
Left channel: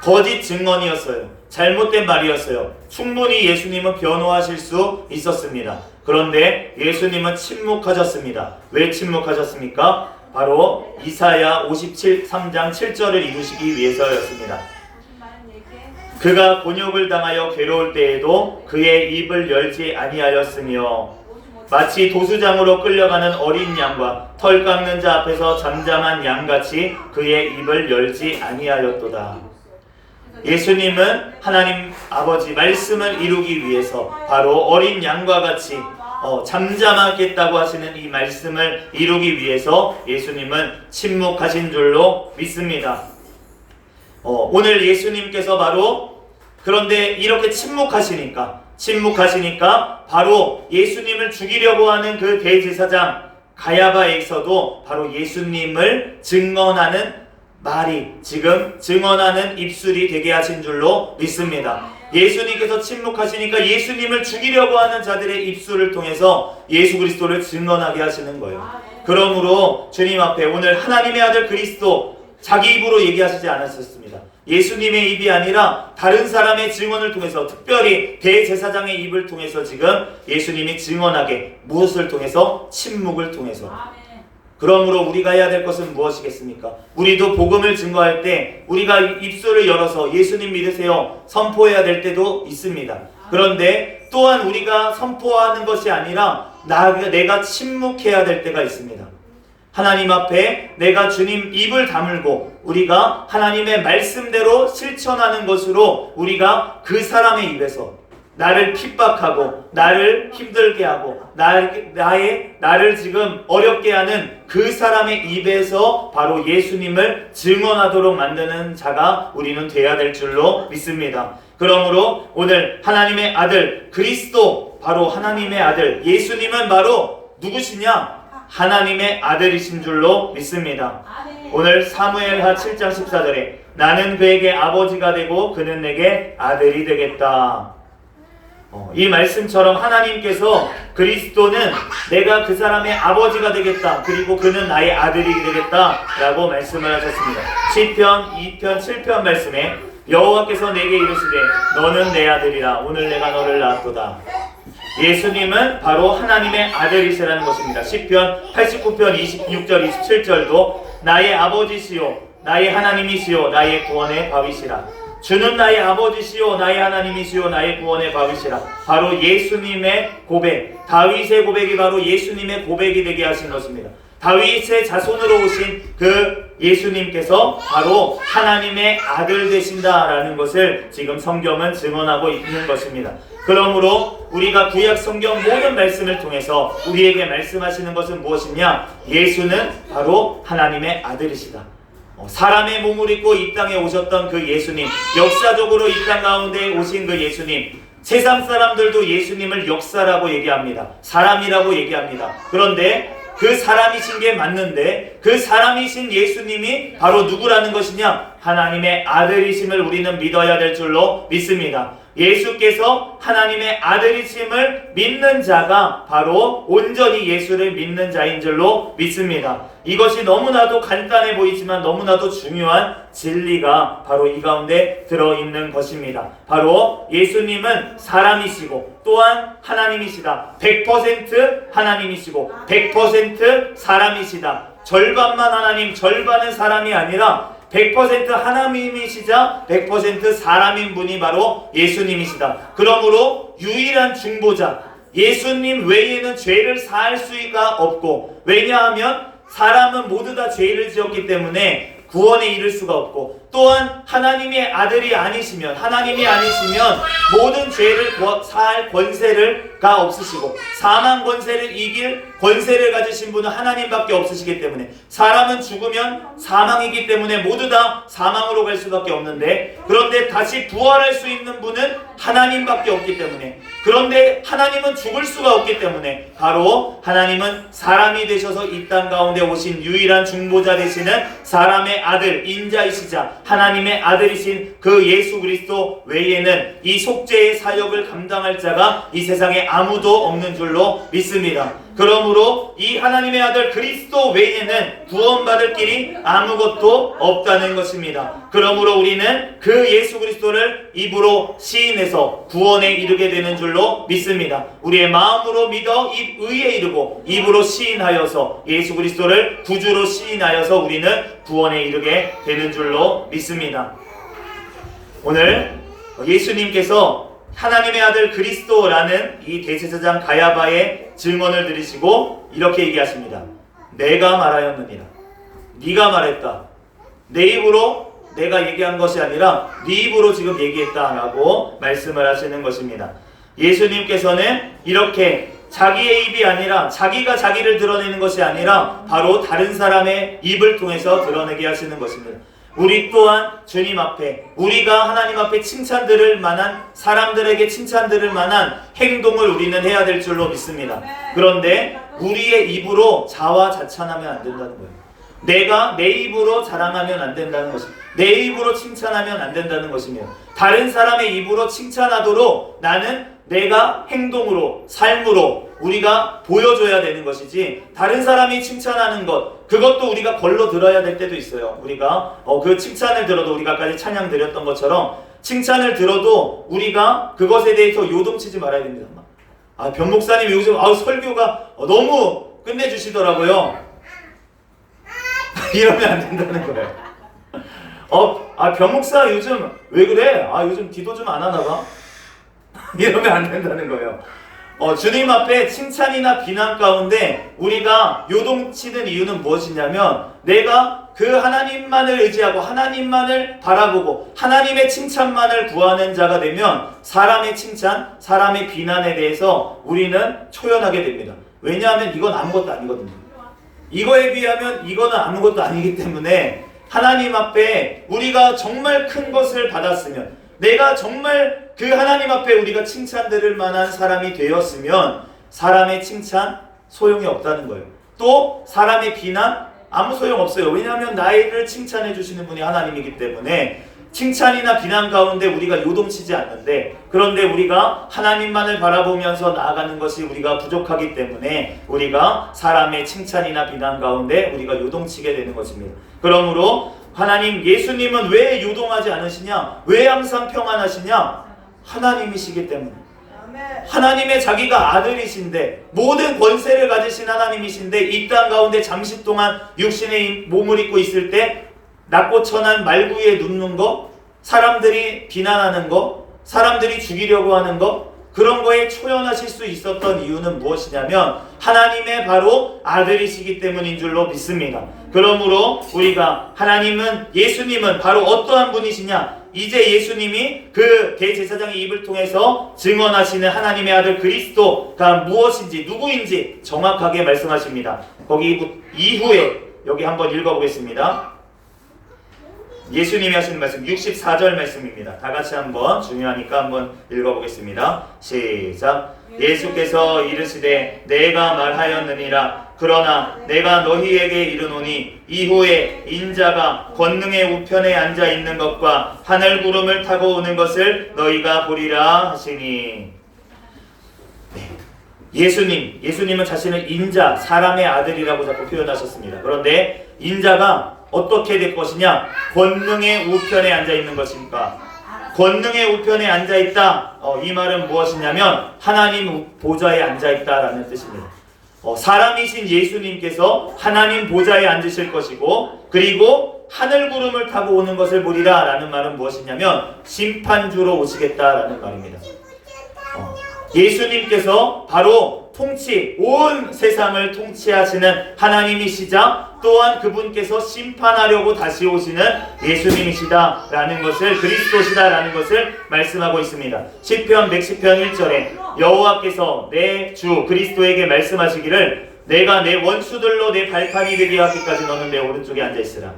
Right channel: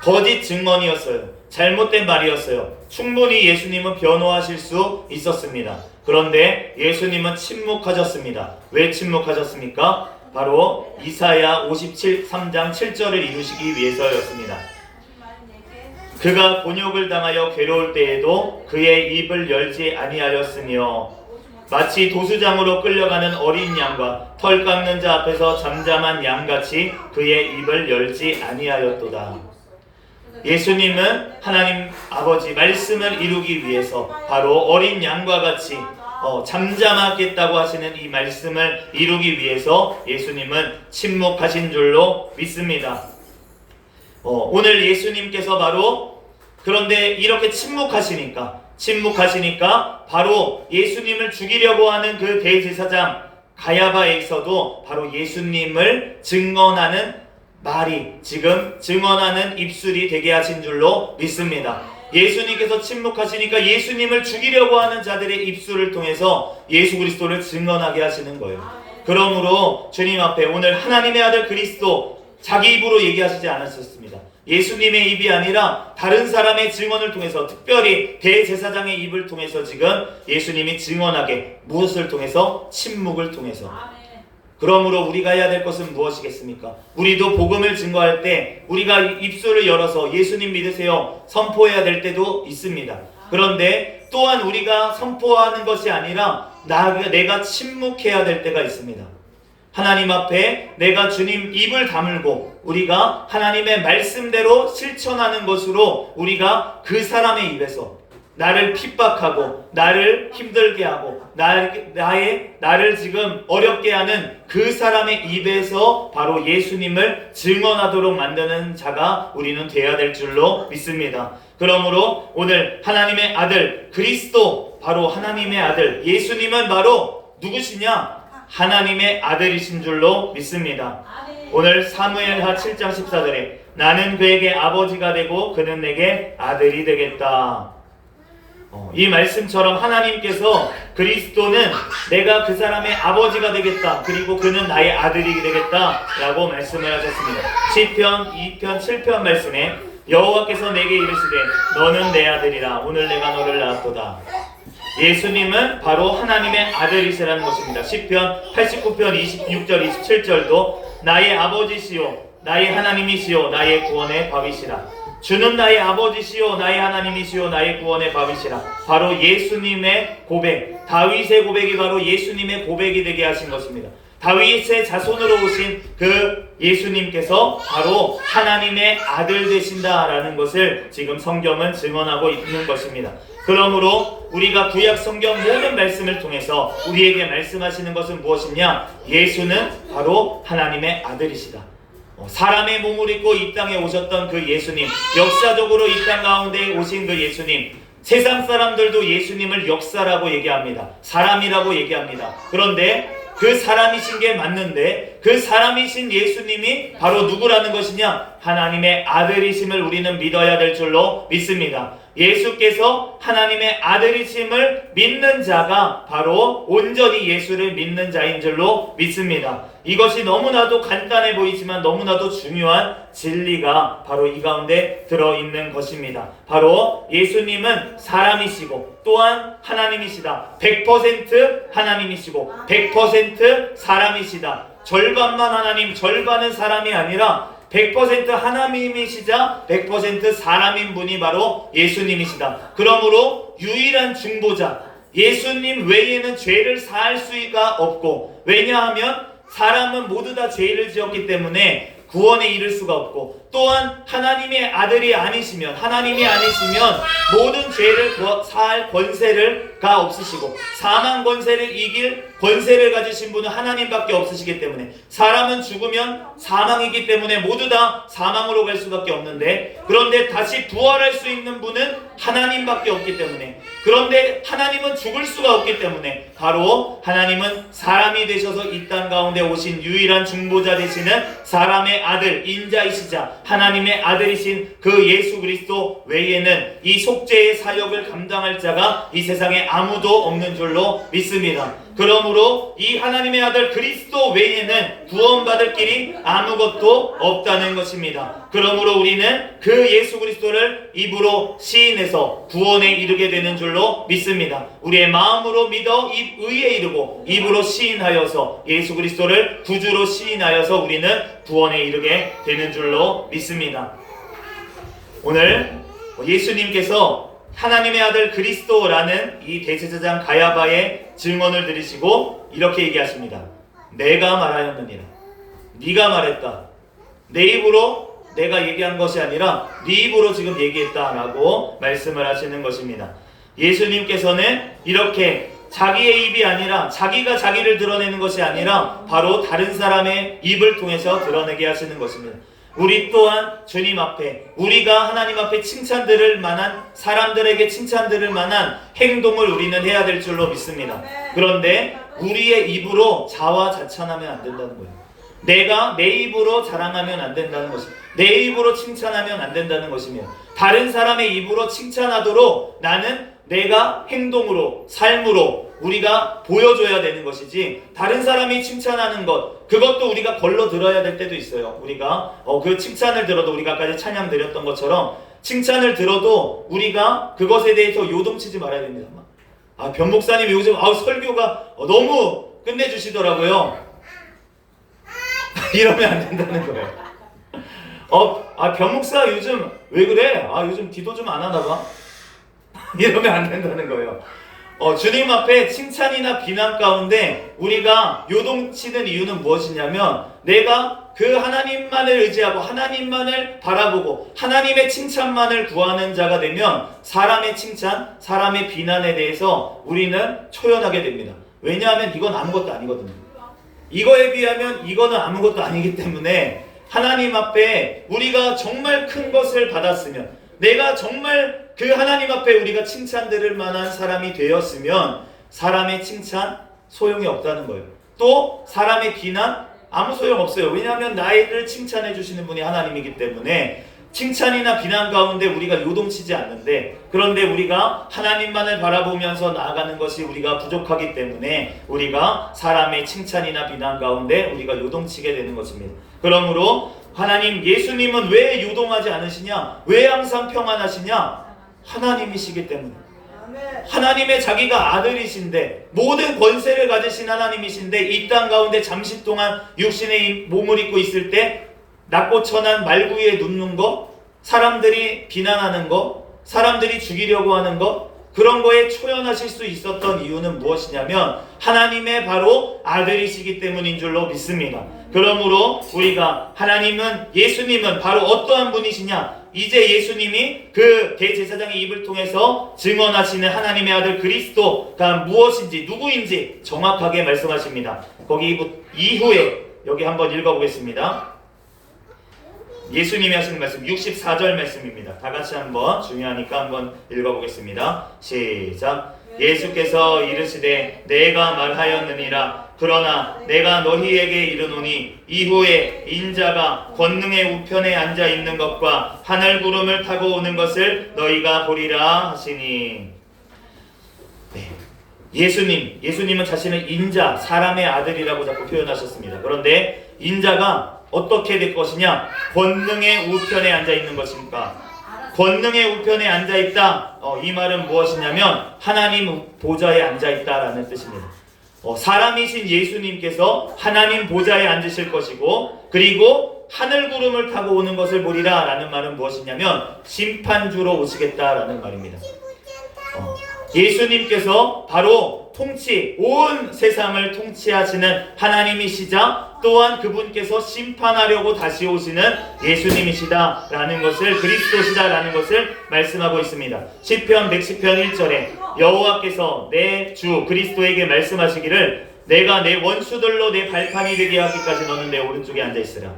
거짓 증언이었어요. 잘못된 말이었어요. 충분히 예수님은 변호하실 수 있었습니다. 그런데 예수님은 침묵하셨습니다. 왜 침묵하셨습니까? 바로 이사야 53장 7절을 이루시기 위해서였습니다. 그가 곤욕을 당하여 괴로울 때에도 그의 입을 열지 아니하였으며 마치 도수장으로 끌려가는 어린 양과 털 깎는 자 앞에서 잠잠한 양같이 그의 입을 열지 아니하였도다. 예수님은 하나님 아버지 말씀을 이루기 위해서 바로 어린 양과 같이 잠잠하겠다고 하시는 이 말씀을 이루기 위해서 예수님은 침묵하신 줄로 믿습니다. 오늘 예수님께서 바로 그런데 이렇게 침묵하시니까 바로 예수님을 죽이려고 하는 그 대제사장 가야바에서도 바로 예수님을 증언하는 말이 지금 증언하는 입술이 되게 하신 줄로 믿습니다. 예수님께서 침묵하시니까 예수님을 죽이려고 하는 자들의 입술을 통해서 예수 그리스도를 증언하게 하시는 거예요. 그러므로 주님 앞에 오늘 하나님의 아들 그리스도 자기 입으로 얘기하시지 않았었습니다. 예수님의 입이 아니라 다른 사람의 증언을 통해서, 특별히 대제사장의 입을 통해서 지금 예수님이 증언하게, 무엇을 통해서? 침묵을 통해서. 그러므로 우리가 해야 될 것은 무엇이겠습니까? 우리도 복음을 증거할 때 우리가 입술을 열어서 예수님 믿으세요 선포해야 될 때도 있습니다. 그런데 또한 우리가 선포하는 것이 아니라 내가 침묵해야 될 때가 있습니다. 하나님 앞에 내가 주님 입을 다물고 우리가 하나님의 말씀대로 실천하는 것으로 우리가 그 사람의 입에서 나를 핍박하고 나를 힘들게 하고 나를 지금 어렵게 하는 그 사람의 입에서 바로 예수님을 증언하도록 만드는 자가 우리는 되어야 될 줄로 믿습니다. 그러므로 오늘 하나님의 아들 그리스도, 바로 하나님의 아들 예수님은 바로 누구시냐? 하나님의 아들이신 줄로 믿습니다. 오늘 사무엘하 7장 14절에 나는 그에게 아버지가 되고 그는 내게 아들이 되겠다. 이 말씀처럼 하나님께서 그리스도는 내가 그 사람의 아버지가 되겠다, 그리고 그는 나의 아들이 되겠다 라고 말씀을 하셨습니다. 시편 2편 7편 말씀에 여호와께서 내게 이르시되 너는 내 아들이라 오늘 내가 너를 낳았도다. 예수님은 바로 하나님의 아들이시라는 것입니다. 시편 89편 26절 27절도 나의 아버지시요 나의 하나님이시요 나의 구원의 밥이시라. 주는 나의 아버지시요 나의 하나님이시요 나의 구원의 밥이시라. 바로 예수님의 고백, 다윗의 고백이 바로 예수님의 고백이 되게 하신 것입니다. 다윗의 자손으로 오신 그 예수님께서 바로 하나님의 아들 되신다라는 것을 지금 성경은 증언하고 있는 것입니다. 그러므로 우리가 구약 성경 모든 말씀을 통해서 우리에게 말씀하시는 것은 무엇이냐? 예수는 바로 하나님의 아들이시다. 사람의 몸을 입고 이 땅에 오셨던 그 예수님, 역사적으로 이 땅 가운데 오신 그 예수님, 세상 사람들도 예수님을 역사라고 얘기합니다. 사람이라고 얘기합니다. 그런데 그 사람이신 게 맞는데 그 사람이신 예수님이 바로 누구라는 것이냐? 하나님의 아들이심을 우리는 믿어야 될 줄로 믿습니다. 예수께서 하나님의 아들이심을 믿는 자가 바로 온전히 예수를 믿는 자인 줄로 믿습니다. 이것이 너무나도 간단해 보이지만 너무나도 중요한 진리가 바로 이 가운데 들어있는 것입니다. 바로 예수님은 사람이시고 또한 하나님이시다. 100% 하나님이시고 100% 사람이시다. 절반만 하나님, 절반은 사람이 아니라 100% 하나님이시자 100% 사람인 분이 바로 예수님이시다. 그러므로 유일한 중보자, 예수님 외에는 죄를 사할 수가 없고, 왜냐하면 사람은 모두 다 죄를 지었기 때문에 구원에 이를 수가 없고, 또한 하나님의 아들이 아니시면, 하나님이 아니시면 모든 죄를 사할 권세를 권세가 없으시고 사망 권세를 이길 권세를 가지신 분은 하나님밖에 없으시기 때문에 사람은 죽으면 사망이기 때문에 모두 다 사망으로 갈 수밖에 없는데, 그런데 다시 부활할 수 있는 분은 하나님밖에 없기 때문에, 그런데 하나님은 죽을 수가 없기 때문에 바로 하나님은 사람이 되셔서 이 땅 가운데 오신 유일한 중보자 되시는 사람의 아들 인자이시자 하나님의 아들이신 그 예수 그리스도 외에는 이 속죄의 사역을 감당할 자가 이 세상에 아무도 없는 줄로 믿습니다. 그러므로 이 하나님의 아들 그리스도 외에는 구원받을 길이 아무것도 없다는 것입니다. 그러므로 우리는 그 예수 그리스도를 입으로 시인해서 구원에 이르게 되는 줄로 믿습니다. 우리의 마음으로 믿어 의에 이르고 입으로 시인하여서 예수 그리스도를 구주로 시인하여서 우리는 구원에 이르게 되는 줄로 믿습니다. 오늘 예수님께서 하나님의 아들 그리스도라는 이 대제사장 가야바의 질문을 들으시고 이렇게 얘기하십니다. 내가 말하였느니라. 네가 말했다. 내 입으로 내가 얘기한 것이 아니라 네 입으로 지금 얘기했다라고 말씀을 하시는 것입니다. 예수님께서는 이렇게 자기의 입이 아니라 자기가 자기를 드러내는 것이 아니라 바로 다른 사람의 입을 통해서 드러내게 하시는 것입니다. 우리 또한 주님 앞에 우리가 하나님 앞에 칭찬 들을 만한 사람들에게 칭찬 들을 만한 행동을 우리는 해야 될 줄로 믿습니다. 그런데 우리의 입으로 자화자찬하면 안 된다는 거예요. 내가 내 입으로 자랑하면 안 된다는 것입니다. 내 입으로 칭찬하면 안 된다는 것입니다. 다른 사람의 입으로 칭찬하도록 나는 내가 행동으로 삶으로 우리가 보여줘야 되는 것이지, 다른 사람이 칭찬하는 것 그것도 우리가 걸러 들어야 될 때도 있어요. 우리가 그 칭찬을 들어도 우리가 아까 찬양 드렸던 것처럼 칭찬을 들어도 우리가 그것에 대해서 요동치지 말아야 됩니다. 변 목사님 요즘 설교가 너무 끝내주시더라고요. 이러면 안 된다는 거예요. 변 목사 요즘 왜 그래? 요즘 기도 좀 안 하나 봐. 이러면 안 된다는 거예요. 주님 앞에 칭찬이나 비난 가운데 우리가 요동치는 이유는 무엇이냐면, 내가 그 하나님만을 의지하고 하나님만을 바라보고 하나님의 칭찬만을 구하는 자가 되면 사람의 칭찬, 사람의 비난에 대해서 우리는 초연하게 됩니다. 왜냐하면 이건 아무것도 아니거든요. 이거에 비하면 이거는 아무것도 아니기 때문에 하나님 앞에 우리가 정말 큰 것을 받았으면, 내가 정말 그 하나님 앞에 우리가 칭찬 들을 만한 사람이 되었으면 사람의 칭찬 소용이 없다는 거예요. 또 사람의 비난 아무 소용 없어요. 왜냐하면 나를 칭찬해 주시는 분이 하나님이기 때문에 칭찬이나 비난 가운데 우리가 요동치지 않는데, 그런데 우리가 하나님만을 바라보면서 나아가는 것이 우리가 부족하기 때문에 우리가 사람의 칭찬이나 비난 가운데 우리가 요동치게 되는 것입니다. 그러므로 하나님, 예수님은 왜 요동하지 않으시냐? 왜 항상 평안하시냐? 하나님이시기 때문에. 하나님의 자기가 아들이신데, 모든 권세를 가지신 하나님이신데 이 땅 가운데 잠시 동안 육신의 몸을 입고 있을 때 낮고 천한 말구이에 눕는 거, 사람들이 비난하는 거, 사람들이 죽이려고 하는 거, 그런 거에 초연하실 수 있었던 이유는 무엇이냐면 하나님의 바로 아들이시기 때문인 줄로 믿습니다. 그러므로 우리가 하나님은, 예수님은 바로 어떠한 분이시냐? 이제 예수님이 그 대제사장의 입을 통해서 증언하시는 하나님의 아들 그리스도가 무엇인지 누구인지 정확하게 말씀하십니다. 거기 이후에 여기 한번 읽어보겠습니다. 예수님이 하신 말씀 64절 말씀입니다. 다 같이 한번 중요하니까 한번 읽어보겠습니다. 시작. 예수께서 이르시되 내가 말하였느니라. 그러나 내가 너희에게 이르노니 이후에 인자가 권능의 우편에 앉아 있는 것과 하늘 구름을 타고 오는 것을 너희가 보리라 하시니. 예수님은 자신을 인자, 사람의 아들이라고 자꾸 표현하셨습니다. 그런데 인자가 어떻게 될 것이냐? 권능의 우편에 앉아 있는 것입니까? 권능의 우편에 앉아 있다. 이 말은 무엇이냐면 하나님 보좌에 앉아 있다라는 뜻입니다. 사람이신 예수님께서 하나님 보좌에 앉으실 것이고, 그리고 하늘 구름을 타고 오는 것을 보리라 라는 말은 무엇이냐면 심판주로 오시겠다라는 말입니다. 예수님께서 바로 통치, 온 세상을 통치하시는 하나님이시자 또한 그분께서 심판하려고 다시 오시는 예수님이시다라는 것을, 그리스도시다라는 것을 말씀하고 있습니다. 시편 110편 1절에 여호와께서 내 주 그리스도에게 말씀하시기를 내가 내 원수들로 내 발판이 되게 하기까지 너는 내 오른쪽에 앉아있으라.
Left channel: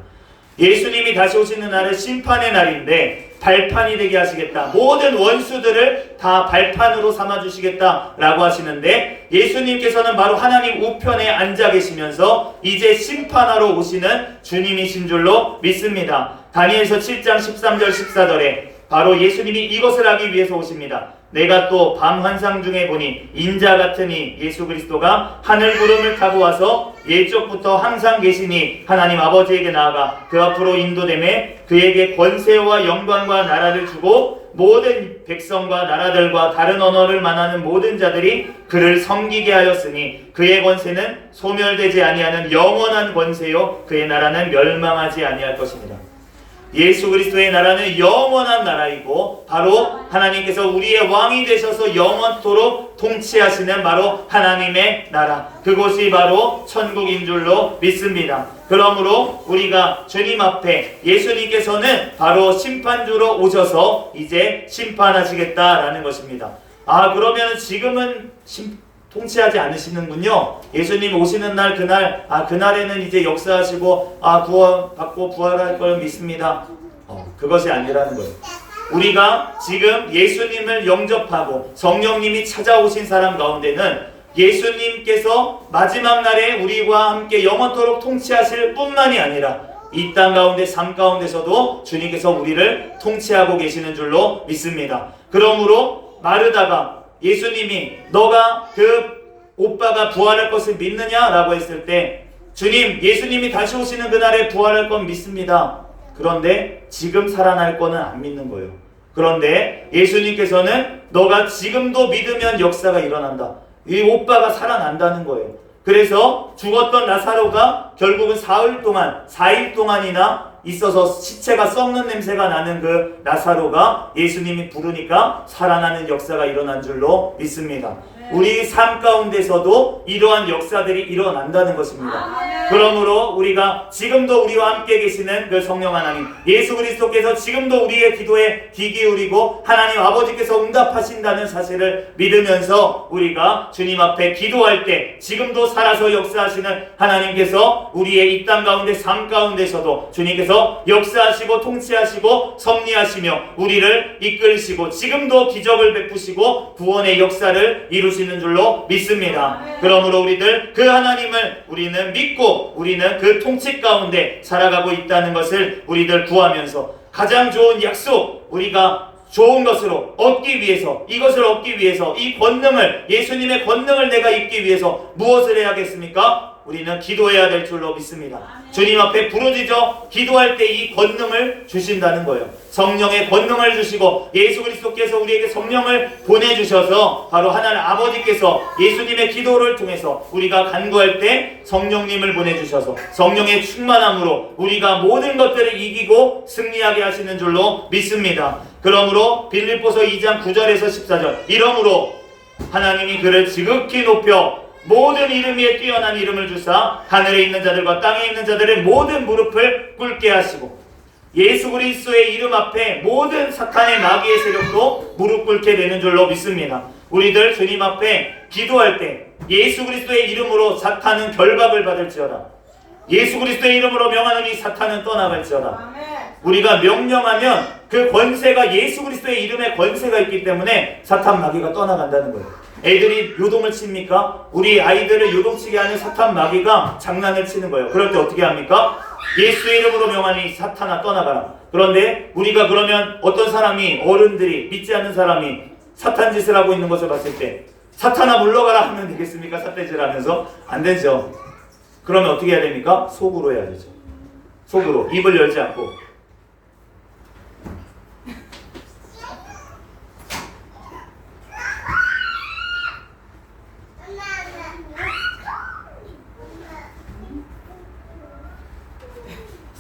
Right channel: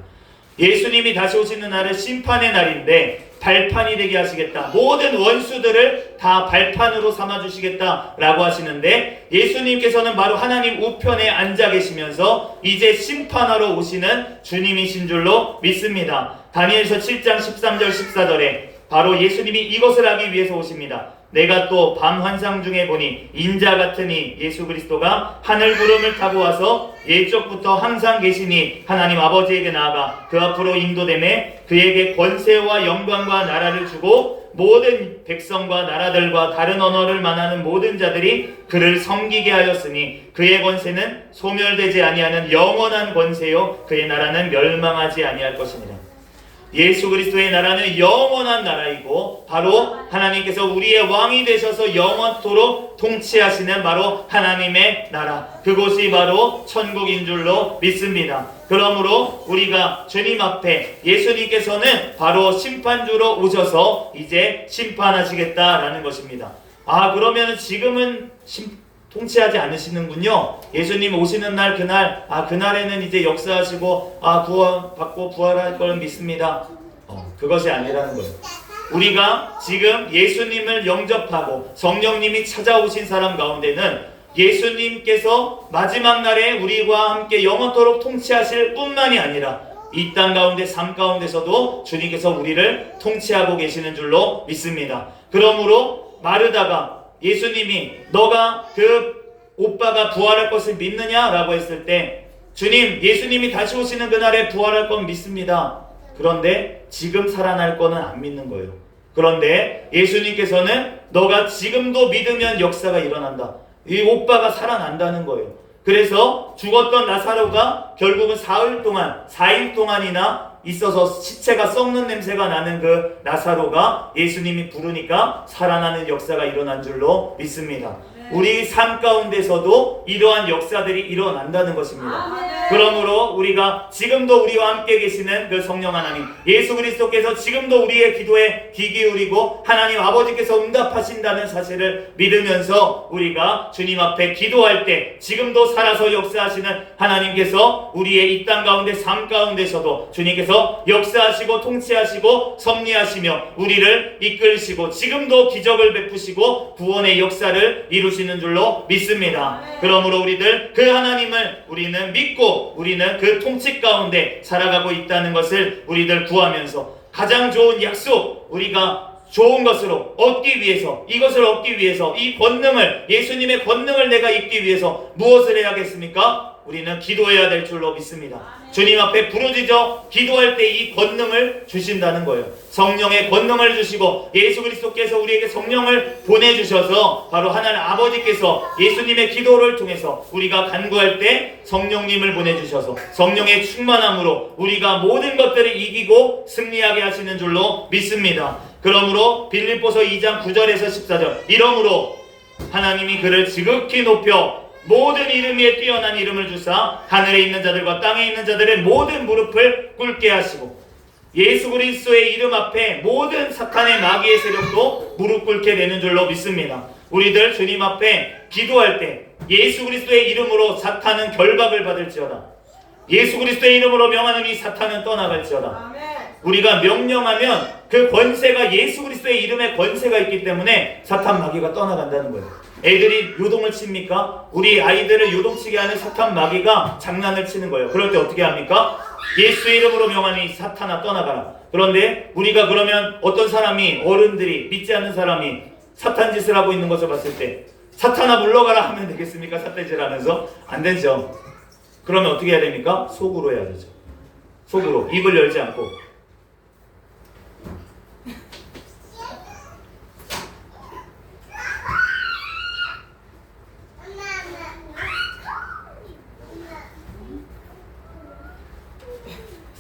예수님이 다시 오시는 날은 심판의 날인데 발판이 되게 하시겠다. 모든 원수들을 다 발판으로 삼아주시겠다라고 하시는데, 예수님께서는 바로 하나님 우편에 앉아 계시면서 이제 심판하러 오시는 주님이신 줄로 믿습니다. 다니엘서 7장 13절 14절에 바로 예수님이 이것을 하기 위해서 오십니다. 내가 또 밤 환상 중에 보니 인자 같으니 예수 그리스도가 하늘 구름을 타고 와서 예적부터 항상 계시니 하나님 아버지에게 나아가 그 앞으로 인도되매 그에게 권세와 영광과 나라를 주고 모든 백성과 나라들과 다른 언어를 말하는 모든 자들이 그를 섬기게 하였으니 그의 권세는 소멸되지 아니하는 영원한 권세요 그의 나라는 멸망하지 아니할 것입니다. 예수 그리스도의 나라는 영원한 나라이고 바로 하나님께서 우리의 왕이 되셔서 영원토록 통치하시는 바로 하나님의 나라, 그곳이 바로 천국인 줄로 믿습니다. 그러므로 우리가 주님 앞에 예수님께서는 바로 심판주로 오셔서 이제 심판하시겠다라는 것입니다. 그러면 지금은 통치하지 않으시는군요. 예수님 오시는 날 그날 그날에는 이제 역사하시고 구원받고 부활할 걸 믿습니다. 그것이 아니라는 거예요. 우리가 지금 예수님을 영접하고 성령님이 찾아오신 사람 가운데는 예수님께서 마지막 날에 우리와 함께 영원토록 통치하실 뿐만이 아니라 이 땅 가운데 삶 가운데서도 주님께서 우리를 통치하고 계시는 줄로 믿습니다. 그러므로 마르다가 예수님이 너가 그 오빠가 부활할 것을 믿느냐라고 했을 때 주님, 예수님이 다시 오시는 그날에 부활할 건 믿습니다. 그런데 지금 살아날 거는 안 믿는 거예요. 그런데 예수님께서는 너가 지금도 믿으면 역사가 일어난다. 이 오빠가 살아난다는 거예요. 그래서 죽었던 나사로가 결국은 4일 동안이나 있어서 시체가 썩는 냄새가 나는 그 나사로가 예수님이 부르니까 살아나는 역사가 일어난 줄로 믿습니다. 우리 삶 가운데서도 이러한 역사들이 일어난다는 것입니다. 그러므로 우리가 지금도 우리와 함께 계시는 그 성령 하나님 예수 그리스도께서 지금도 우리의 기도에 귀 기울이고 하나님 아버지께서 응답하신다는 사실을 믿으면서 우리가 주님 앞에 기도할 때 지금도 살아서 역사하시는 하나님께서 우리의 이 땅 가운데 삶 가운데서도 주님께서 역사하시고 통치하시고 섭리하시며 우리를 이끌시고 지금도 기적을 베푸시고 구원의 역사를 이루시는 줄로 믿습니다. 그러므로 우리들 그 하나님을 우리는 믿고 우리는 그 통치 가운데 살아가고 있다는 것을 우리들 구하면서 가장 좋은 약속, 우리가 좋은 것으로 얻기 위해서, 이것을 얻기 위해서 이 권능을, 예수님의 권능을 내가 입기 위해서 무엇을 해야겠습니까? 우리는 기도해야 될 줄로 믿습니다. 주님 앞에 부르짖어 기도할 때 이 권능을 주신다는 거예요. 성령의 권능을 주시고 예수 그리스도께서 우리에게 성령을 보내주셔서 바로 하나님 아버지께서 예수님의 기도를 통해서 우리가 간구할 때 성령님을 보내주셔서 성령의 충만함으로 우리가 모든 것들을 이기고 승리하게 하시는 줄로 믿습니다. 그러므로 빌립보서 2장 9절에서 14절 이러므로 하나님이 그를 지극히 높여 모든 이름 위에 뛰어난 이름을 주사 하늘에 있는 자들과 땅에 있는 자들의 모든 무릎을 꿇게 하시고 예수 그리스도의 이름 앞에 모든 사탄의 마귀의 세력도 무릎 꿇게 되는 줄로 믿습니다. 우리들 주님 앞에 기도할 때 예수 그리스도의 이름으로 사탄은 결박을 받을지어다. 예수 그리스도의 이름으로 명하노니 사탄은 떠나갈지어다. 우리가 명령하면 그 권세가 예수 그리스도의 이름에 권세가 있기 때문에 사탄 마귀가 떠나간다는 거예요. 애들이 요동을 칩니까? 우리 아이들을 요동치게 하는 사탄 마귀가 장난을 치는 거예요. 그럴 때 어떻게 합니까? 예수의 이름으로 명하니 사탄아 떠나가라. 그런데 우리가 그러면 어떤 사람이, 어른들이, 믿지 않는 사람이 사탄 짓을 하고 있는 것을 봤을 때 사탄아 물러가라 하면 되겠습니까? 삿대질 하면서? 안 되죠. 그러면 어떻게 해야 됩니까? 속으로 해야 되죠. 속으로 입을 열지 않고.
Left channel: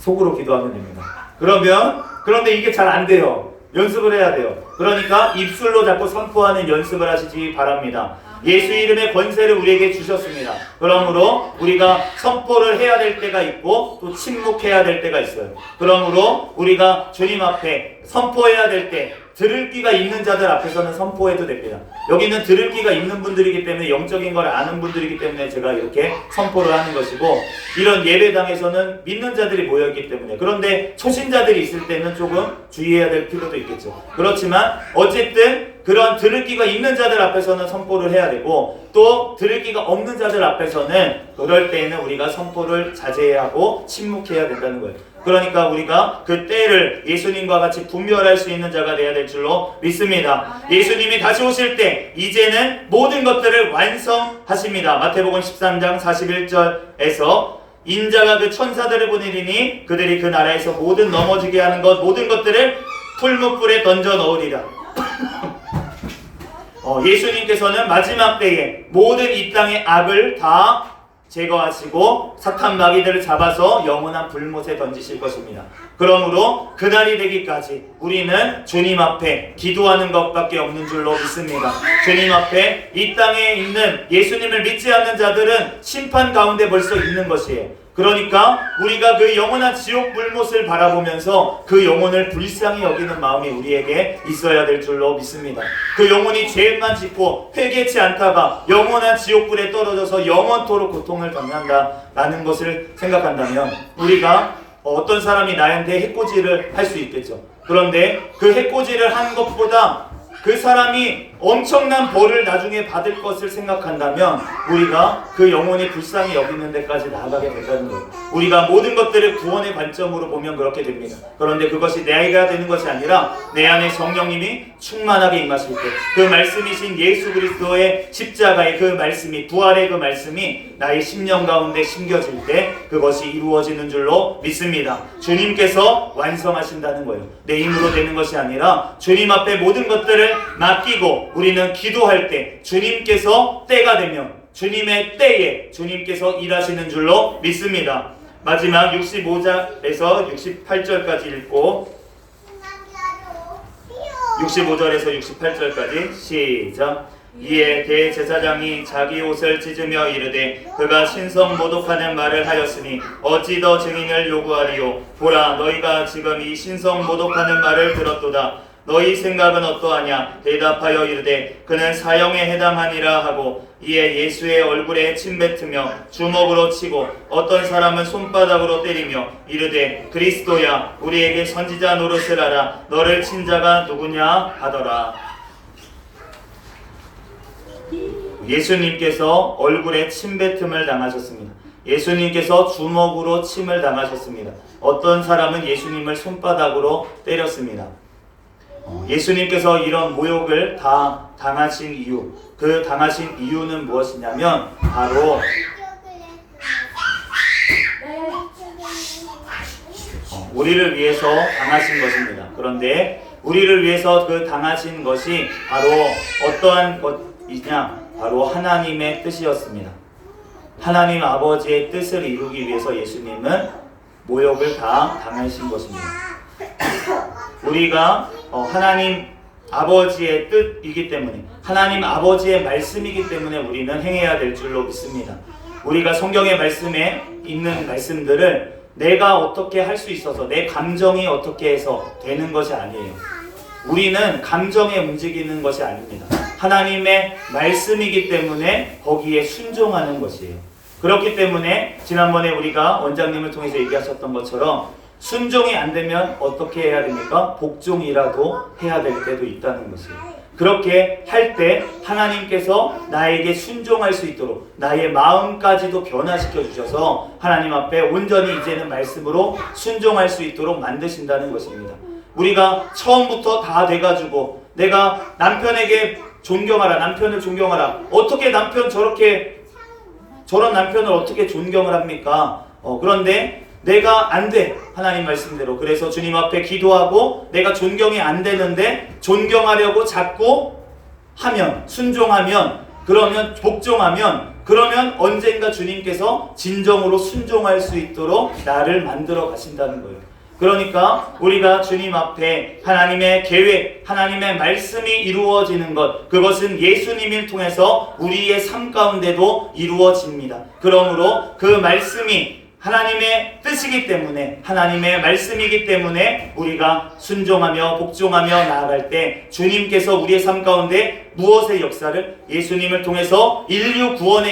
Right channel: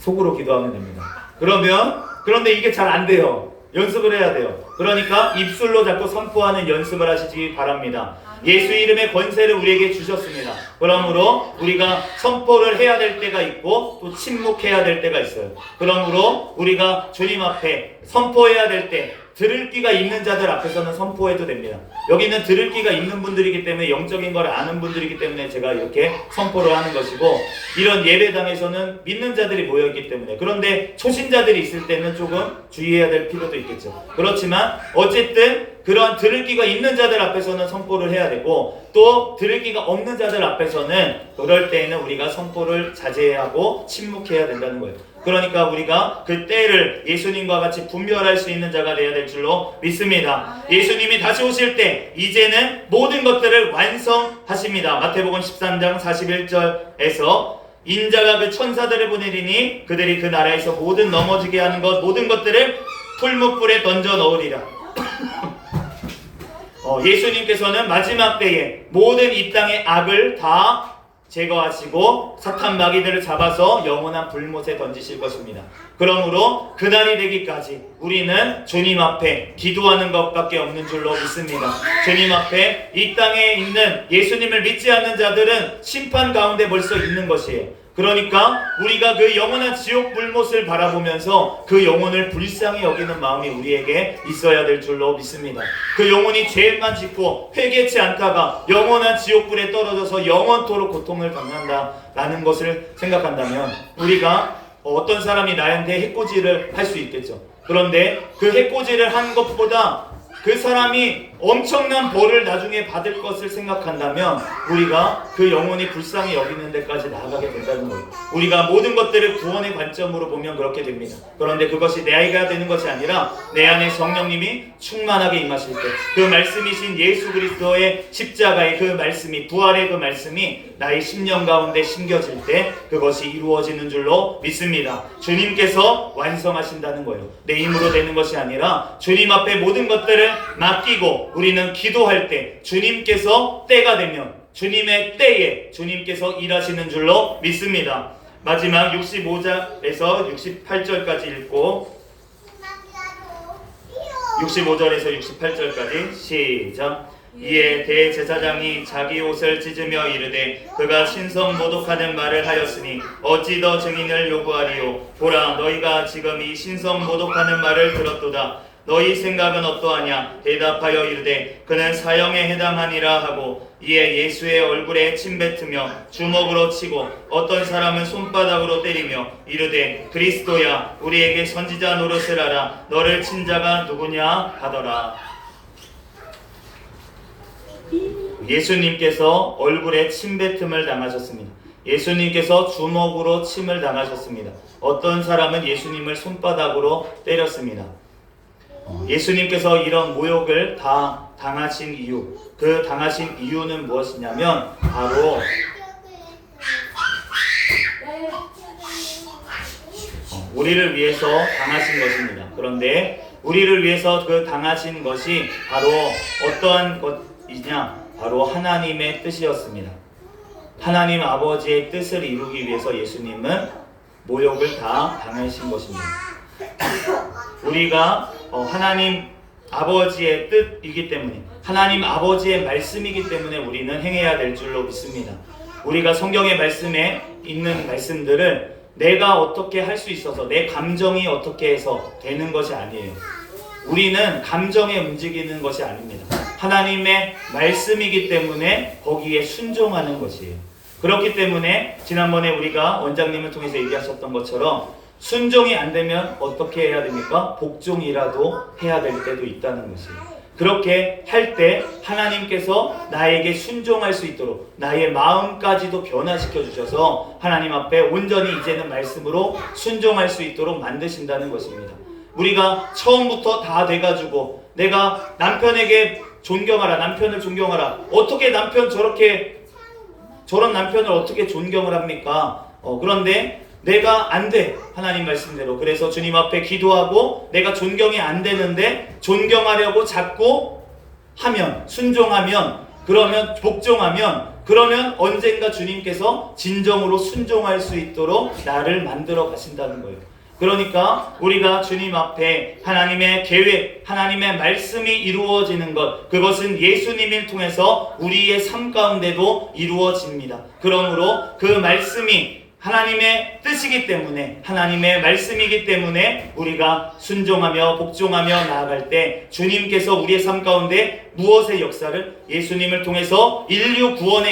속으로 기도하면 됩니다. 그런데 이게 잘 안 돼요. 연습을 해야 돼요. 그러니까 입술로 자꾸 선포하는 연습을 하시기 바랍니다. 예수 이름의 권세를 우리에게 주셨습니다. 그러므로 우리가 선포를 해야 될 때가 있고 또 침묵해야 될 때가 있어요. 그러므로 우리가 주님 앞에 선포해야 될 때 들을 귀가 있는 자들 앞에서는 선포해도 됩니다. 여기는 들을 귀가 있는 분들이기 때문에 영적인 걸 아는 분들이기 때문에 제가 이렇게 선포를 하는 것이고, 이런 예배당에서는 믿는 자들이 모여있기 때문에, 그런데 초신자들이 있을 때는 조금 주의해야 될 필요도 있겠죠. 그렇지만 어쨌든 그런 들을 귀가 있는 자들 앞에서는 선포를 해야 되고, 또 들을 귀가 없는 자들 앞에서는 그럴 때에는 우리가 선포를 자제해야 하고 침묵해야 된다는 거예요. 그러니까 우리가 그 때를 예수님과 같이 분별할 수 있는 자가 되어야 될 줄로 믿습니다. 예수님이 다시 오실 때 이제는 모든 것들을 완성하십니다. 마태복음 13장 41절에서 인자가 그 천사들을 보내리니 그들이 그 나라에서 모든 넘어지게 하는 것 모든 것들을 풀무불에 던져 넣으리라. 예수님께서는 마지막 때에 모든 이 땅의 악을 다 제거하시고 사탄 마귀들을 잡아서 영원한 불못에 던지실 것입니다. 그러므로 그날이 되기까지 우리는 주님 앞에 기도하는 것밖에 없는 줄로 믿습니다. 주님 앞에 이 땅에 있는 예수님을 믿지 않는 자들은 심판 가운데 벌써 있는 것이에요. 그러니까 우리가 그 영원한 지옥 불못을 바라보면서 그 영혼을 불쌍히 여기는 마음이 우리에게 있어야 될 줄로 믿습니다. 그 영혼이 죄만 짓고 회개치 않다가 영원한 지옥불에 떨어져서 영원토록 고통을 겪는다라는 것을 생각한다면, 우리가 어떤 사람이 나한테 해코지를 할 수 있겠죠. 그런데 그 해코지를 한 것보다 그 사람이 엄청난 벌을 나중에 받을 것을 생각한다면 우리가 그 영혼이 불쌍히 여기는 데까지 나아가게 된다는 거예요. 우리가 모든 것들을 구원의 관점으로 보면 그렇게 됩니다. 그런데 그것이 내 아이가 되는 것이 아니라 내 안에 성령님이 충만하게 임하실 때, 그 말씀이신 예수 그리스도의 십자가의 그 말씀이, 부활의 그 말씀이 나의 심령 가운데 심겨질 때 그것이 이루어지는 줄로 믿습니다. 주님께서 완성하신다는 거예요. 내 힘으로 되는 것이 아니라 주님 앞에 모든 것들을 맡기고 우리는 기도할 때 주님께서 때가 되면 주님의 때에 주님께서 일하시는 줄로 믿습니다. 마지막 65절에서 68절까지 읽고 65절에서 68절까지 시작. 이에 대제사장이 자기 옷을 찢으며 이르되 그가 신성 모독하는 말을 하였으니 어찌 더 증인을 요구하리요. 보라, 너희가 지금 이 신성 모독하는 말을 들었도다. 너희 생각은 어떠하냐? 대답하여 이르되 그는 사형에 해당하니라 하고, 이에 예수의 얼굴에 침뱉으며 주먹으로 치고 어떤 사람은 손바닥으로 때리며 이르되 그리스도야, 우리에게 선지자 노릇을 하라. 너를 친 자가 누구냐 하더라. 예수님께서 얼굴에 침뱉음을 당하셨습니다. 예수님께서 주먹으로 침을 당하셨습니다. 어떤 사람은 예수님을 손바닥으로 때렸습니다. 예수님께서 이런 모욕을 다 당하신 이유, 그 당하신 이유는 무엇이냐면 바로 우리를 위해서 당하신 것입니다. 그런데 우리를 위해서 그 당하신 것이 바로 어떠한 것이냐? 바로 하나님의 뜻이었습니다. 하나님 아버지의 뜻을 이루기 위해서 예수님은 모욕을 다 당하신 것입니다. 우리가 하나님 아버지의 뜻이기 때문에, 하나님 아버지의 말씀이기 때문에 우리는 행해야 될 줄로 믿습니다. 우리가 성경의 말씀에 있는 말씀들을 내가 어떻게 할 수 있어서 내 감정이 어떻게 해서 되는 것이 아니에요. 우리는 감정에 움직이는 것이 아닙니다. 하나님의 말씀이기 때문에 거기에 순종하는 것이에요. 그렇기 때문에 지난번에 우리가 원장님을 통해서 얘기하셨던 것처럼 순종이 안 되면 어떻게 해야 됩니까? 복종이라도 해야 될 때도 있다는 것이에요. 그렇게 할 때 하나님께서 나에게 순종할 수 있도록 나의 마음까지도 변화시켜 주셔서 하나님 앞에 온전히 이제는 말씀으로 순종할 수 있도록 만드신다는 것입니다. 우리가 처음부터 다 돼가지고 내가 남편에게 존경하라, 남편을 존경하라. 어떻게 남편 저런 남편을 어떻게 존경을 합니까? 그런데 내가 안 돼. 하나님 말씀대로. 그래서 주님 앞에 기도하고 내가 존경이 안 되는데 존경하려고 자꾸 하면, 순종하면, 그러면 복종하면, 그러면 언젠가 주님께서 진정으로 순종할 수 있도록 나를 만들어 가신다는 거예요. 그러니까 우리가 주님 앞에 하나님의 계획, 하나님의 말씀이 이루어지는 것, 그것은 예수님을 통해서 우리의 삶 가운데도 이루어집니다. 그러므로 그 말씀이 하나님의 뜻이기 때문에, 하나님의 말씀이기 때문에 우리가 순종하며 복종하며 나아갈 때 주님께서 우리의 삶 가운데 무엇의 역사를, 예수님을 통해서 인류 구원의